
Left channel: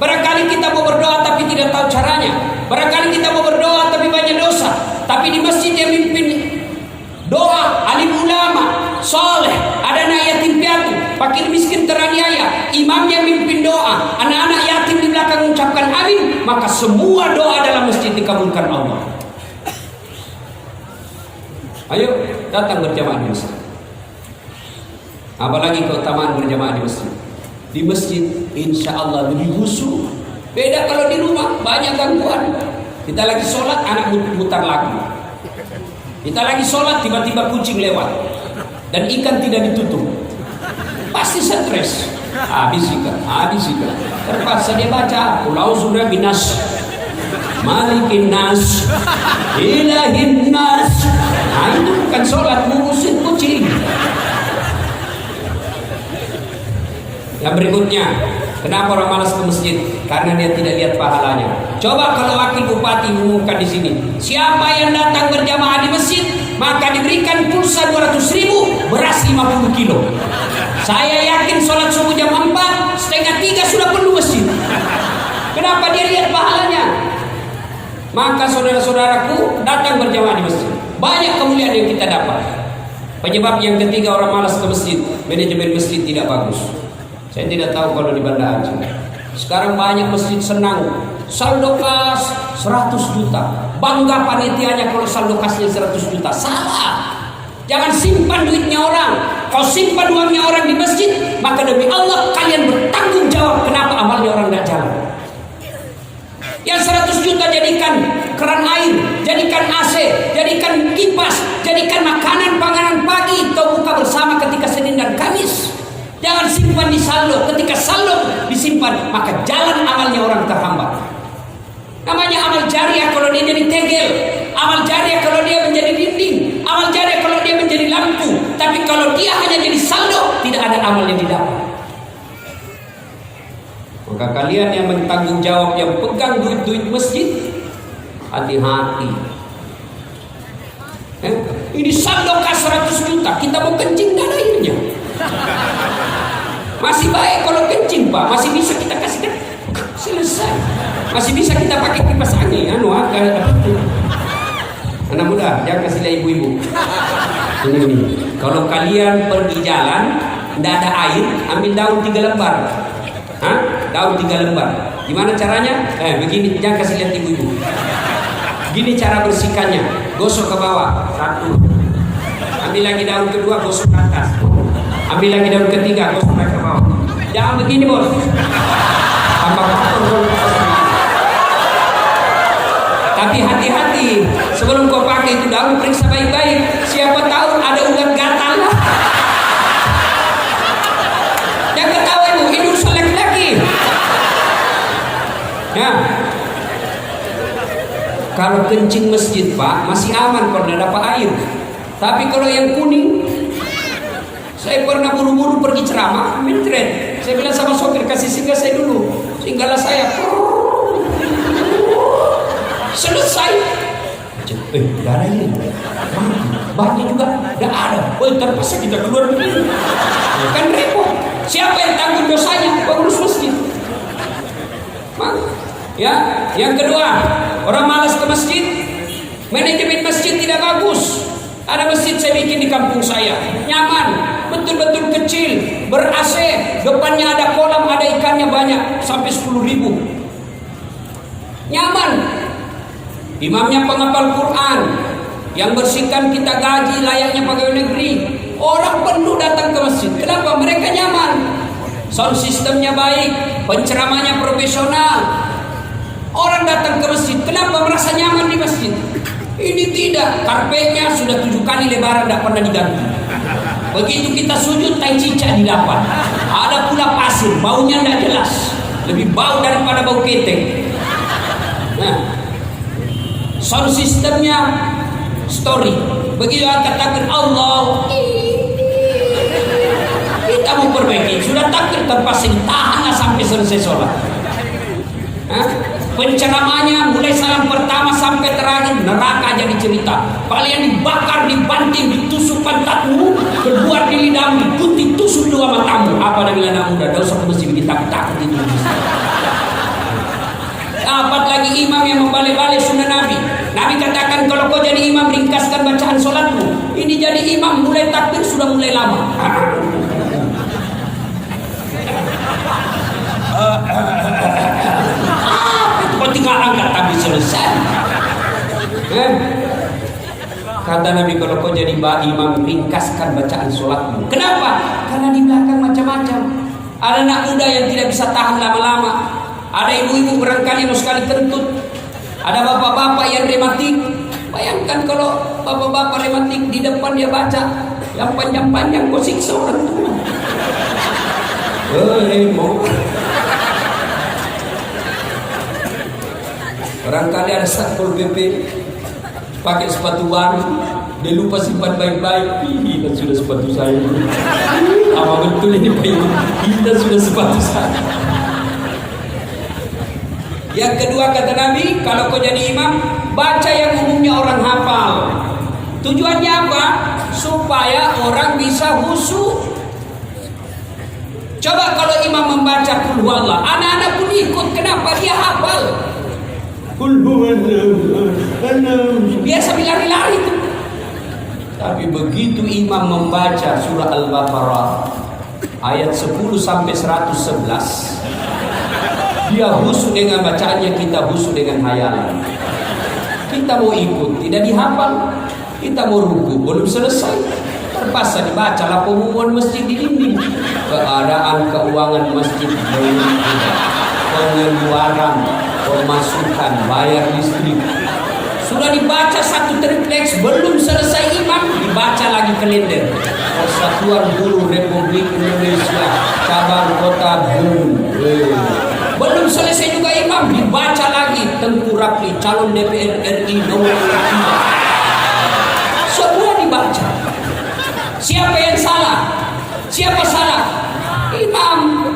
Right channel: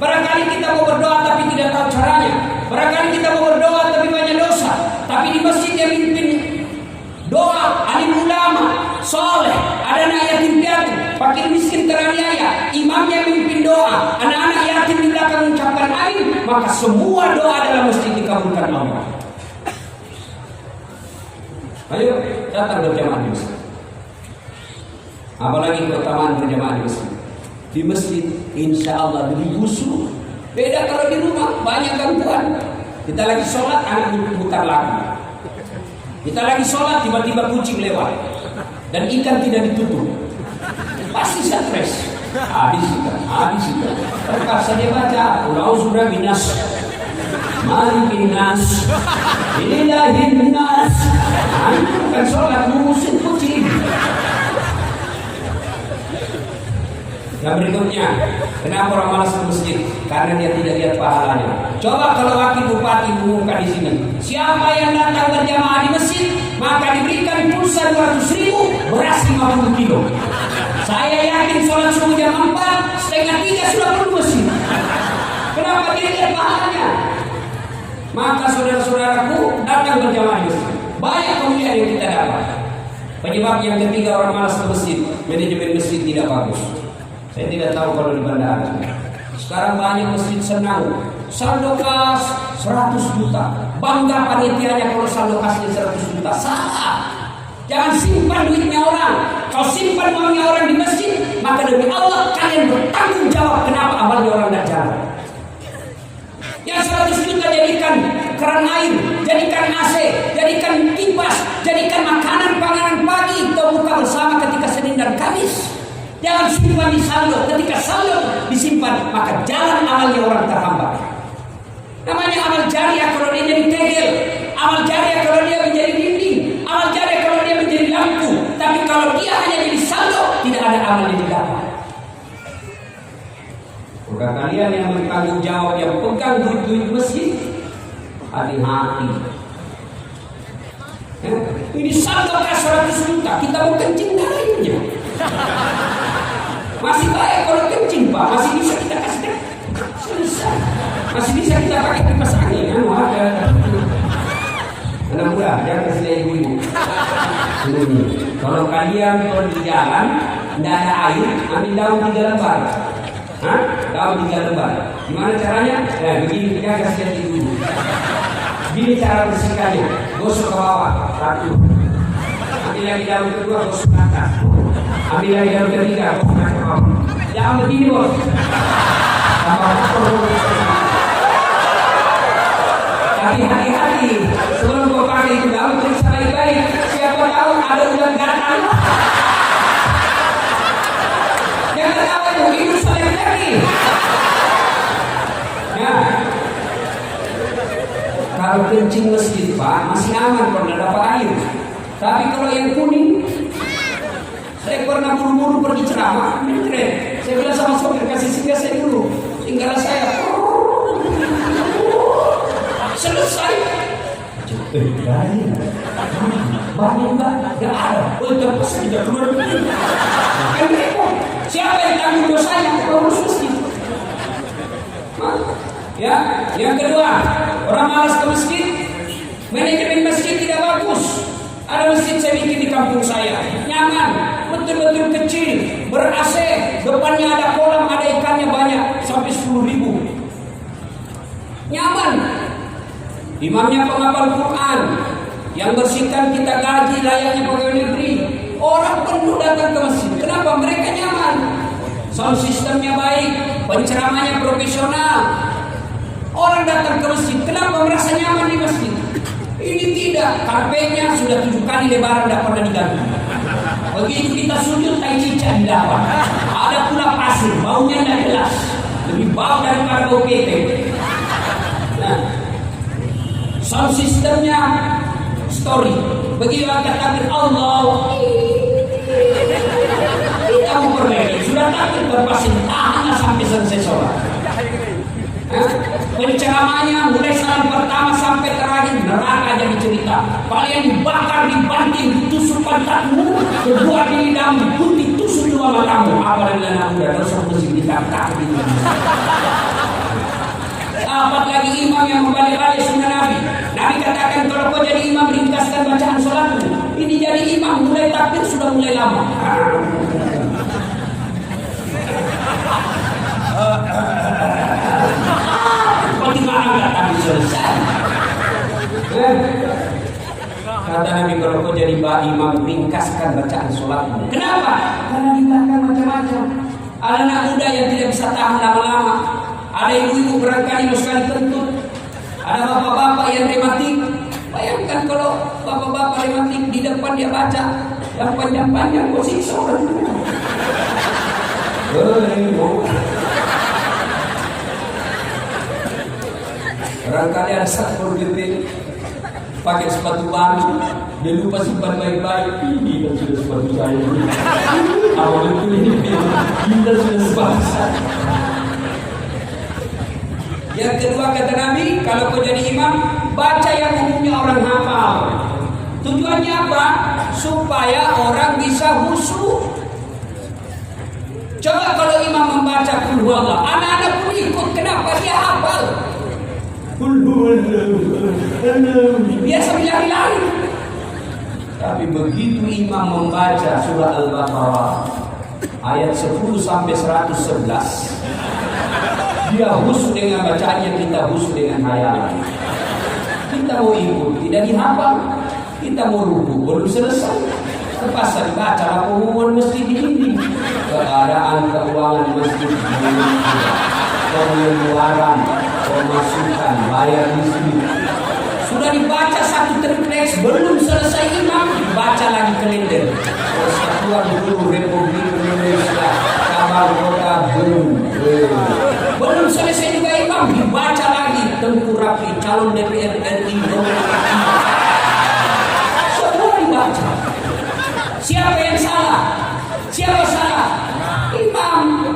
Barangkali kita mau berdoa tapi tidak tahu caranya. Barangkali kita mau berdoa tapi banyak dosa. Tapi di masjid dia mimpin doa, alim ulama, soleh, ada anak yatim piatu, fakir miskin teraniaya, imamnya mimpin doa, anak-anak yatim di belakang mengucapkan amin, maka semua doa dalam masjid dikabulkan Allah. Ayo datang berjamaah di masjid. Apalagi keutamaan berjamaah di masjid. Di masjid insya Allah lebih khusyuk. Beda kalau di rumah banyak gangguan. Kita lagi sholat, anak mutar lagi. Kita lagi sholat, tiba-tiba kucing lewat dan ikan tidak ditutup, pasti stres. Habis ikan. Terpaksa dia baca Qul'auzubillahi minas malikin nas ilahin nas. Itu bukan sholat, ngurusin kucing. Yang berikutnya, kenapa orang malas ke masjid? Karena dia tidak lihat pahalanya. Coba kalau wakil bupati mengumumkan di sini, siapa yang datang berjamaah di masjid, maka diberikan pulsa 200.000, beras 50 kilo. Saya yakin sholat subuh jam 4, setengah 3 sudah penuh masjid. Kenapa dia lihat pahalanya? Maka saudara-saudaraku, datang berjamaah di masjid. Banyak kemuliaan yang kita dapat. Penyebab yang ketiga orang malas ke masjid, manajemen masjid tidak bagus. Saya tidak tahu kalau di Banda Aceh. Sekarang banyak masjid senang saldo kas 100 juta. Bangga panitianya kalau saldo kasnya 100 juta. Salah. Jangan simpan duitnya orang. Kalau simpan uangnya orang di masjid, maka demi Allah kalian bertanggung jawab kenapa amalnya orang tidak jalan. Yang 100 juta jadikan keran air, jadikan AC, jadikan kipas, jadikan makanan panganan pagi atau buka bersama ketika Senin dan Kamis. Jangan simpan di saldo. Ketika saldo disimpan, maka jalan amalnya orang terhambat. Namanya amal jariah kalau dia jadi tegel, amal jariah kalau dia menjadi dinding, amal jariah kalau dia menjadi lampu. Tapi kalau dia hanya jadi saldo, tidak ada amal yang didapat. Maka kalian yang bertanggung jawab, yang pegang duit-duit masjid, hati-hati. Ini saldo kas 100 juta, kita mau kencing dananya. Masih baik kalau kencing Pak, masih bisa kita kasih selesai. Masih bisa kita pakai kipas angin, anak muda, jangan kasih lihat ibu-ibu. Ini, kalau kalian pergi jalan, tidak ada air, ambil daun 3 lembar. Daun 3 lembar. Gimana caranya? Begini, jangan kasih lihat ibu-ibu. Gini cara bersihkannya, gosok ke bawah, 1. Ambil lagi daun kedua, gosok ke atas. Ambil lagi daun ketiga, gosok ke bawah. Jangan begini bos. Tapi hati-hati, sebelum kau pakai itu daun, periksa baik-baik. Siapa tahu ada ular gatal. Jangan tahu ibu, itu selek lagi. Ya. Kalau kencing masjid Pak, masih aman kalau tidak dapat air. Tapi kalau yang kuning, saya pernah buru-buru pergi ceramah, mencret. Saya bilang sama sopir, kasih singgah saya dulu. Singgahlah saya. Selesai. Tidak ada ini. Bahannya juga tidak ada. Terpaksa kita keluar begini. Kan repot. Siapa yang tanggung dosanya? Pengurus masjid. Ya, yang kedua, orang malas ke masjid, manajemen masjid tidak bagus. Ada masjid saya bikin di kampung saya, nyaman, betul-betul kecil, ber-AC, depannya ada kolam, ada ikannya banyak, sampai 10.000. Nyaman. Imamnya penghafal Quran, yang bersihkan kita gaji layaknya pegawai negeri. Orang penuh datang ke masjid. Kenapa? Mereka nyaman. Sound sistemnya baik, penceramahnya profesional. Orang datang ke masjid, kenapa merasa nyaman di masjid? Ini tidak, karpetnya sudah 7 kali lebaran, tidak pernah diganti. Begitu kita sujud, tai cicak didapat. Ada pula pasir, baunya tidak jelas, lebih bau daripada bau ketek. Nah, sound sistemnya story. Begitu angkat takbir Allah, kita mau perbaiki. Sudah takbir terpasang, tahanlah sampai selesai sholat. Penceramahnya mulai salam pertama sampai terakhir neraka jadi cerita. Kalian dibakar, dibanting, ditusuk pantatmu, keluar di lidahmu, putih tusuk 2 matamu. Apa dengan anak muda? Dosa mesti ditakut-takut itu. Dapat lagi imam yang membalik-balik sunnah Nabi. Nabi katakan kalau kau jadi imam ringkaskan bacaan sholatmu. Ini jadi imam mulai takbir sudah mulai lama. Tinggal angkat tapi selesai. Kata Nabi kalau kau jadi imam ringkaskan bacaan sholatmu. Kenapa? Karena di belakang macam-macam. Ada anak muda yang tidak bisa tahan lama-lama. Ada ibu-ibu barangkali mau sekali kentut. Ada bapak-bapak yang rematik. Bayangkan kalau bapak-bapak rematik di depan dia baca yang panjang-panjang kau siksa orang tua. Barangkali ada Satpol PP pakai sepatu baru, dia lupa simpan baik-baik. Dan sudah sepatu saya. Apa betul ini? Kita sudah sepatu saya. Yang kedua kata Nabi, kalau kau jadi imam, baca yang umumnya orang hafal. Tujuannya apa? Supaya orang bisa khusyuk. Coba kalau imam membaca Qul huwallah, anak-anak pun ikut. Kenapa? Dia hafal. Biasa lari-lari. Tapi begitu imam membaca surah Al-Baqarah ayat 10 sampai 111, dia khusyuk dengan bacaannya, kita khusyuk dengan hayalan. Kita mau ikut, tidak dihafal. Kita mau ruku, belum selesai, terpaksa dibaca lah pengumuman masjid ini. Keadaan keuangan masjid pengeluaran, pemasukan, bayar listrik. Sudah dibaca satu tripleks, belum selesai imam, dibaca lagi kalender. Persatuan Guru Republik Indonesia, cabang kota Gunung. Belum selesai juga imam, dibaca lagi Tengku Rapi, calon DPR RI nomor 5. Semua dibaca. Siapa yang salah? Siapa salah? Imam.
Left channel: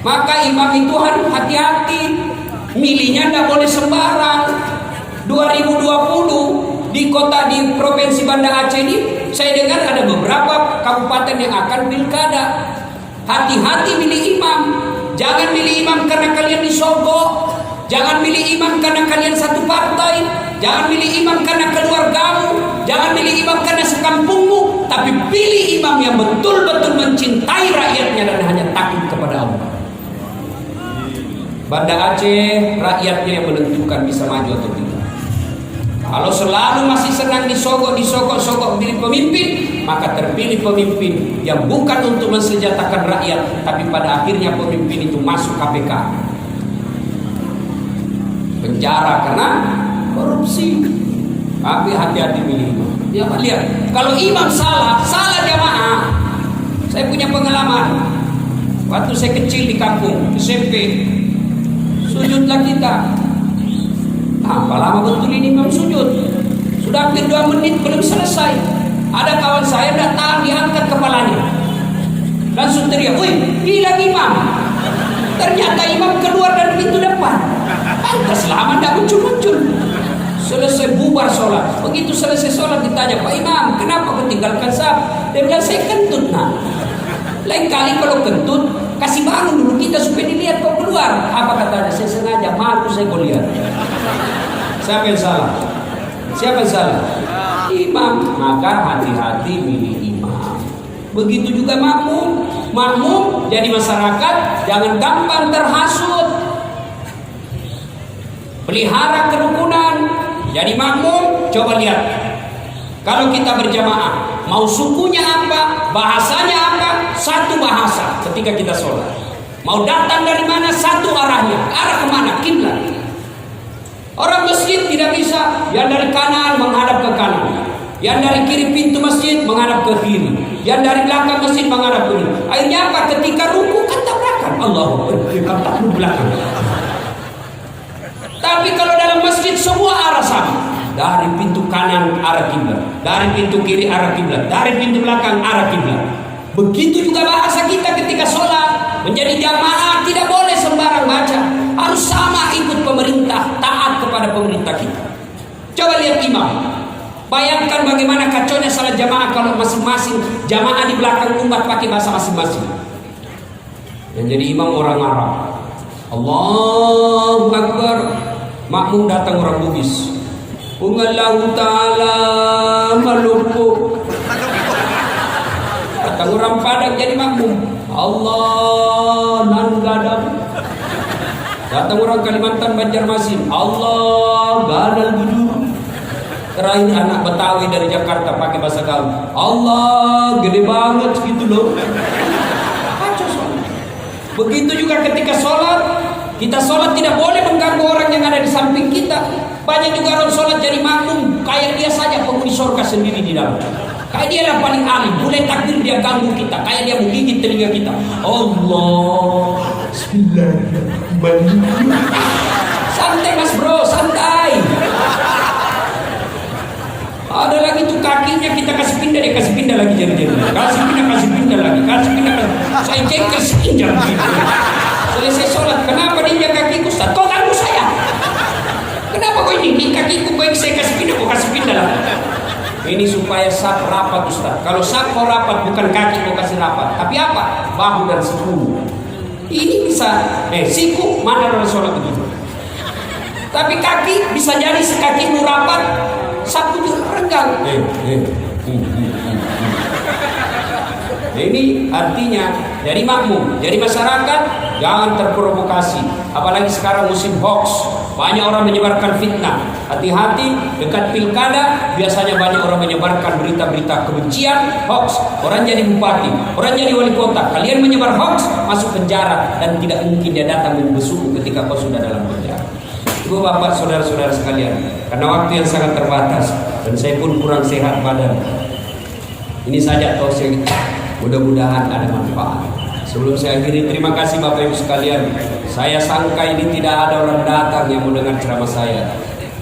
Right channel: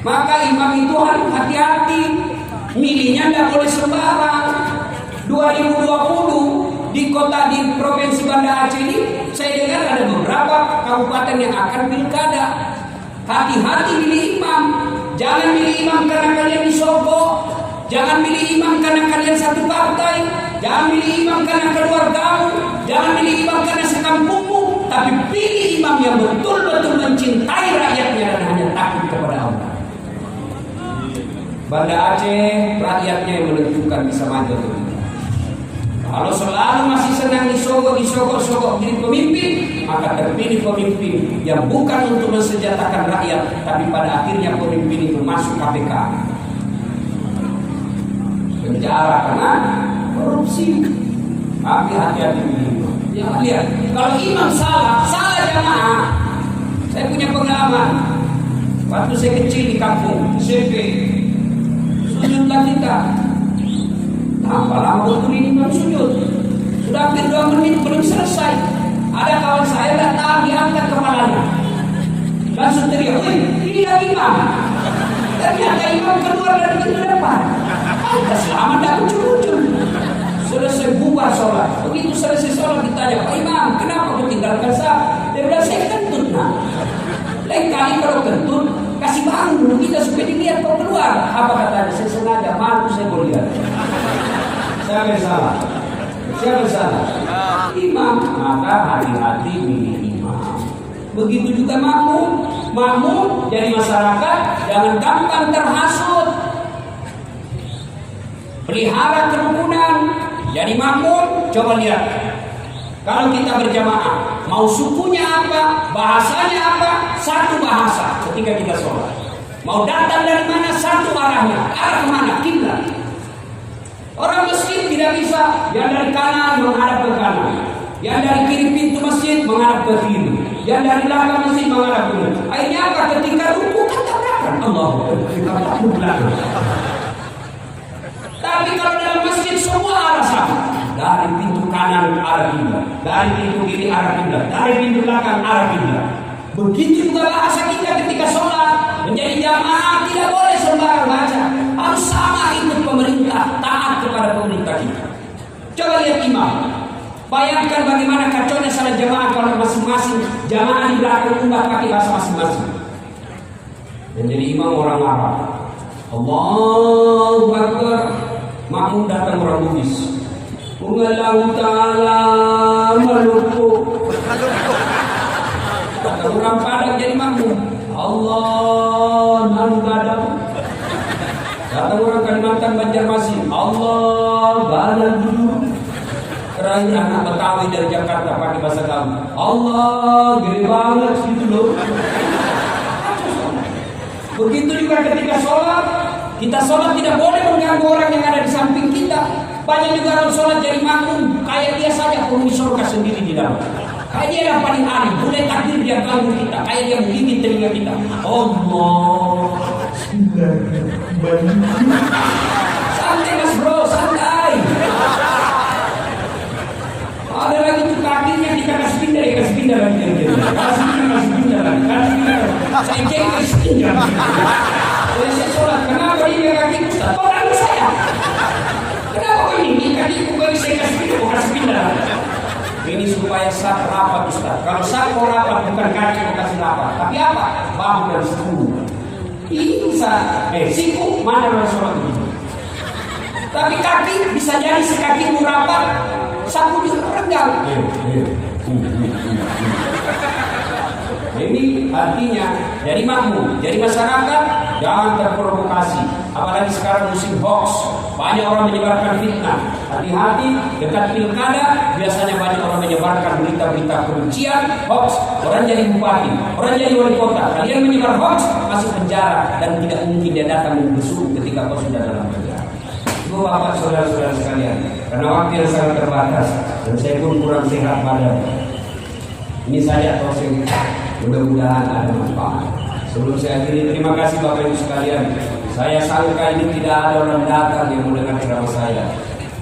Maka imam itu harus hati-hati, milihnya tidak boleh sembarang. 2020 di provinsi Banda Aceh ini, saya dengar ada beberapa kabupaten yang akan pilkada. Hati-hati milih imam. Jangan milih imam karena kalian disogok. Jangan milih imam karena kalian satu partai. Jangan milih imam karena keluargamu. Jangan milih imam karena sekampungmu. Tapi pilih imam yang betul-betul mencintai rakyatnya dan hanya takut kepada Allah. Banda Aceh, rakyatnya yang menentukan bisa maju atau tidak. Kalau selalu masih senang disogok milih pemimpin, maka terpilih pemimpin yang bukan untuk mensejahterakan rakyat, tapi pada akhirnya pemimpin itu masuk KPK, penjara karena korupsi. Tapi hati-hati milih. Ya, lihat, kalau imam salah jamaah. Saya punya pengalaman. Waktu saya kecil di kampung SMP, sujudlah kita. Apa lama betul ini imam sujud? Sudah hampir 2 menit belum selesai. Ada kawan saya datang diangkat kepalanya. Langsung teriak, "Woi, hilang imam." Ternyata imam keluar dari pintu depan. Lantas lama tidak muncul. Selesai bubar sholat. Begitu selesai sholat ditanya, "Pak Imam, kenapa kau tinggalkan saya?" Dia bilang, "Saya kentut, nak." Lain kali kalau kentut, kasih bangun dulu kita supaya dilihat kau keluar. Apa katanya? Saya sengaja, malu saya kau lihat. Siapa yang salah? Siapa yang salah? Imam. Maka hati-hati milih imam. Begitu juga makmum. Makmum jadi masyarakat jangan gampang terhasut. Pelihara kerukunan. Jadi makmum, coba lihat. Kalau kita berjamaah, mau sukunya apa, bahasanya apa, satu bahasa ketika kita sholat. Mau datang dari mana, satu arahnya. Arah kemana? Kiblat. Orang masjid tidak bisa, yang dari kanan menghadap ke kanan, yang dari kiri pintu masjid menghadap ke kiri, yang dari belakang masjid menghadap ke kiri. Akhirnya apa? Ketika ruku kan tabrakan. Allahu Akbar, belakang. Tapi kalau dalam masjid semua arah sama. Dari pintu kanan arah kiblat, dari pintu kiri arah kiblat, dari pintu belakang arah kiblat. Begitu juga bahasa kita ketika sholat. Menjadi jamaah tidak boleh sembarang baca. Harus sama ikut pemerintah, taat kepada pemerintah kita. Coba lihat imam. Bayangkan bagaimana kacaunya salat jamaah kalau masing-masing jamaah di belakang umat pakai bahasa masing-masing. Dan jadi imam orang Arab. Allahu Akbar. Makmum datang orang Bugis. Ungallahu ta'ala malukuk. Datang orang Padang jadi makmum. Allah nanu gadang. Datang orang Kalimantan Banjarmasin. Allah gadang jujur. Terakhir anak Betawi dari Jakarta pakai bahasa gaul. Allah gede banget gitu loh. Begitu juga ketika sholat. Kita sholat tidak boleh mengganggu orang yang ada di samping kita. Banyak juga orang sholat jadi makmum, kayak dia saja penghuni surga sendiri di dalam. Kayak dia yang paling alim, boleh takbir dia ganggu kita, kayak dia menggigit telinga kita. Allah, Bismillahirrahmanirrahim. Santai mas bro, santai. Ada lagi tuh kakinya kita kasih pindah lagi jadi. Kasih pindah lagi. Saya kasih pindah lagi. Selesai sholat, kenapa dia kakiku Ustaz? Kok ganggu saya? Kenapa kok ini kakiku baik saya kasih pindah. Ini supaya saf rapat Ustaz. Kalau saf kau rapat bukan kaki kau kasih rapat, tapi apa? Bahu dan siku. Ini bisa siku mana orang sholat begitu. Tapi kaki bisa jadi sekakimu rapat, sapu juga renggang. Ini artinya jadi makmum, jadi masyarakat jangan terprovokasi. Apalagi sekarang musim hoax, banyak orang menyebarkan fitnah. Hati-hati, dekat pilkada biasanya banyak orang menyebarkan berita-berita kebencian, hoax. Orang jadi bupati, orang jadi wali kota, kalian menyebar hoax, masuk penjara dan tidak mungkin dia datang membesuk ketika kau sudah dalam penjara. Ibu bapak saudara-saudara sekalian, karena waktu yang sangat terbatas dan saya pun kurang sehat badan. Ini saja tausiah. Mudah-mudahan ada manfaat. Sebelum saya akhiri, terima kasih Bapak Ibu sekalian. Saya sangka ini tidak ada orang datang yang mendengar ceramah saya,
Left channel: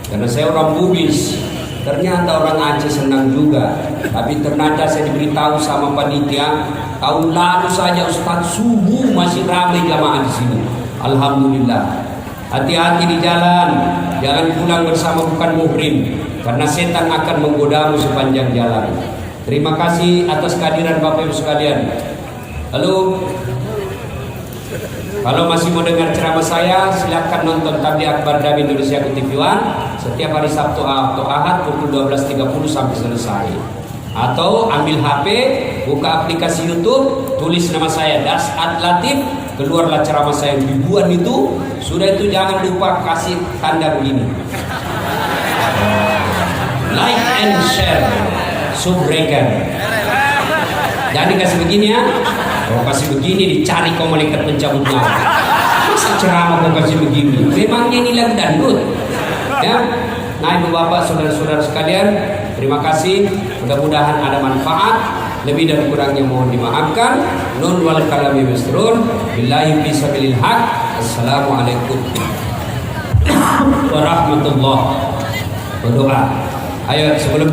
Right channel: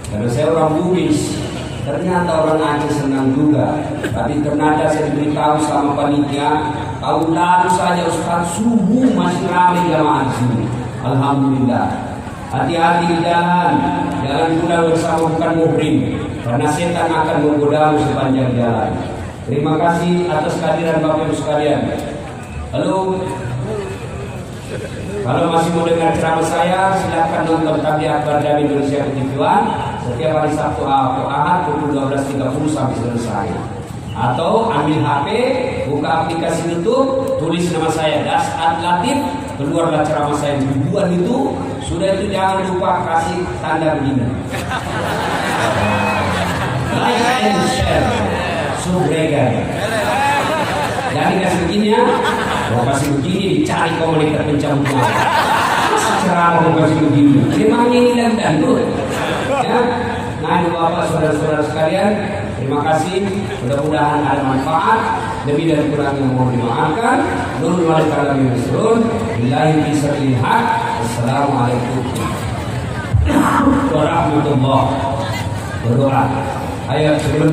karena saya orang Bugis. Ternyata orang Aceh senang juga. Tapi ternyata saya diberitahu sama panitia, Tahun lalu saja Ustaz subuh masih ramai jamaah di sini. Alhamdulillah. Hati-hati di jalan, jangan pulang bersama bukan muhrim, karena setan akan menggodamu sepanjang jalan. Terima kasih atas kehadiran Bapak Ibu sekalian. Lalu kalau masih mau dengar ceramah saya, silakan nonton Tabligh Akbar Dami Indonesia ke TV One setiap hari Sabtu atau Ahad pukul 12.30 sampai selesai. Atau ambil HP, buka aplikasi YouTube, tulis nama saya Dasat Latif, keluarlah ceramah saya ribuan itu. Sudah itu jangan lupa kasih tanda begini, like and share, subscribe. Jangan kasih begini ya. Kalau kasih begini dicari kau malaikat mencabut nyawa. Ceramah kau kasih begini. Memangnya ini lagi dangdut. Ya. Nah, ibu bapak, saudara-saudara sekalian, terima kasih. Mudah-mudahan ada manfaat. Lebih dan kurangnya mohon dimaafkan. Nun wal kalami misrun. Billahi fi sabilil haq. Assalamualaikum warahmatullahi wabarakatuh. Ayo sebelum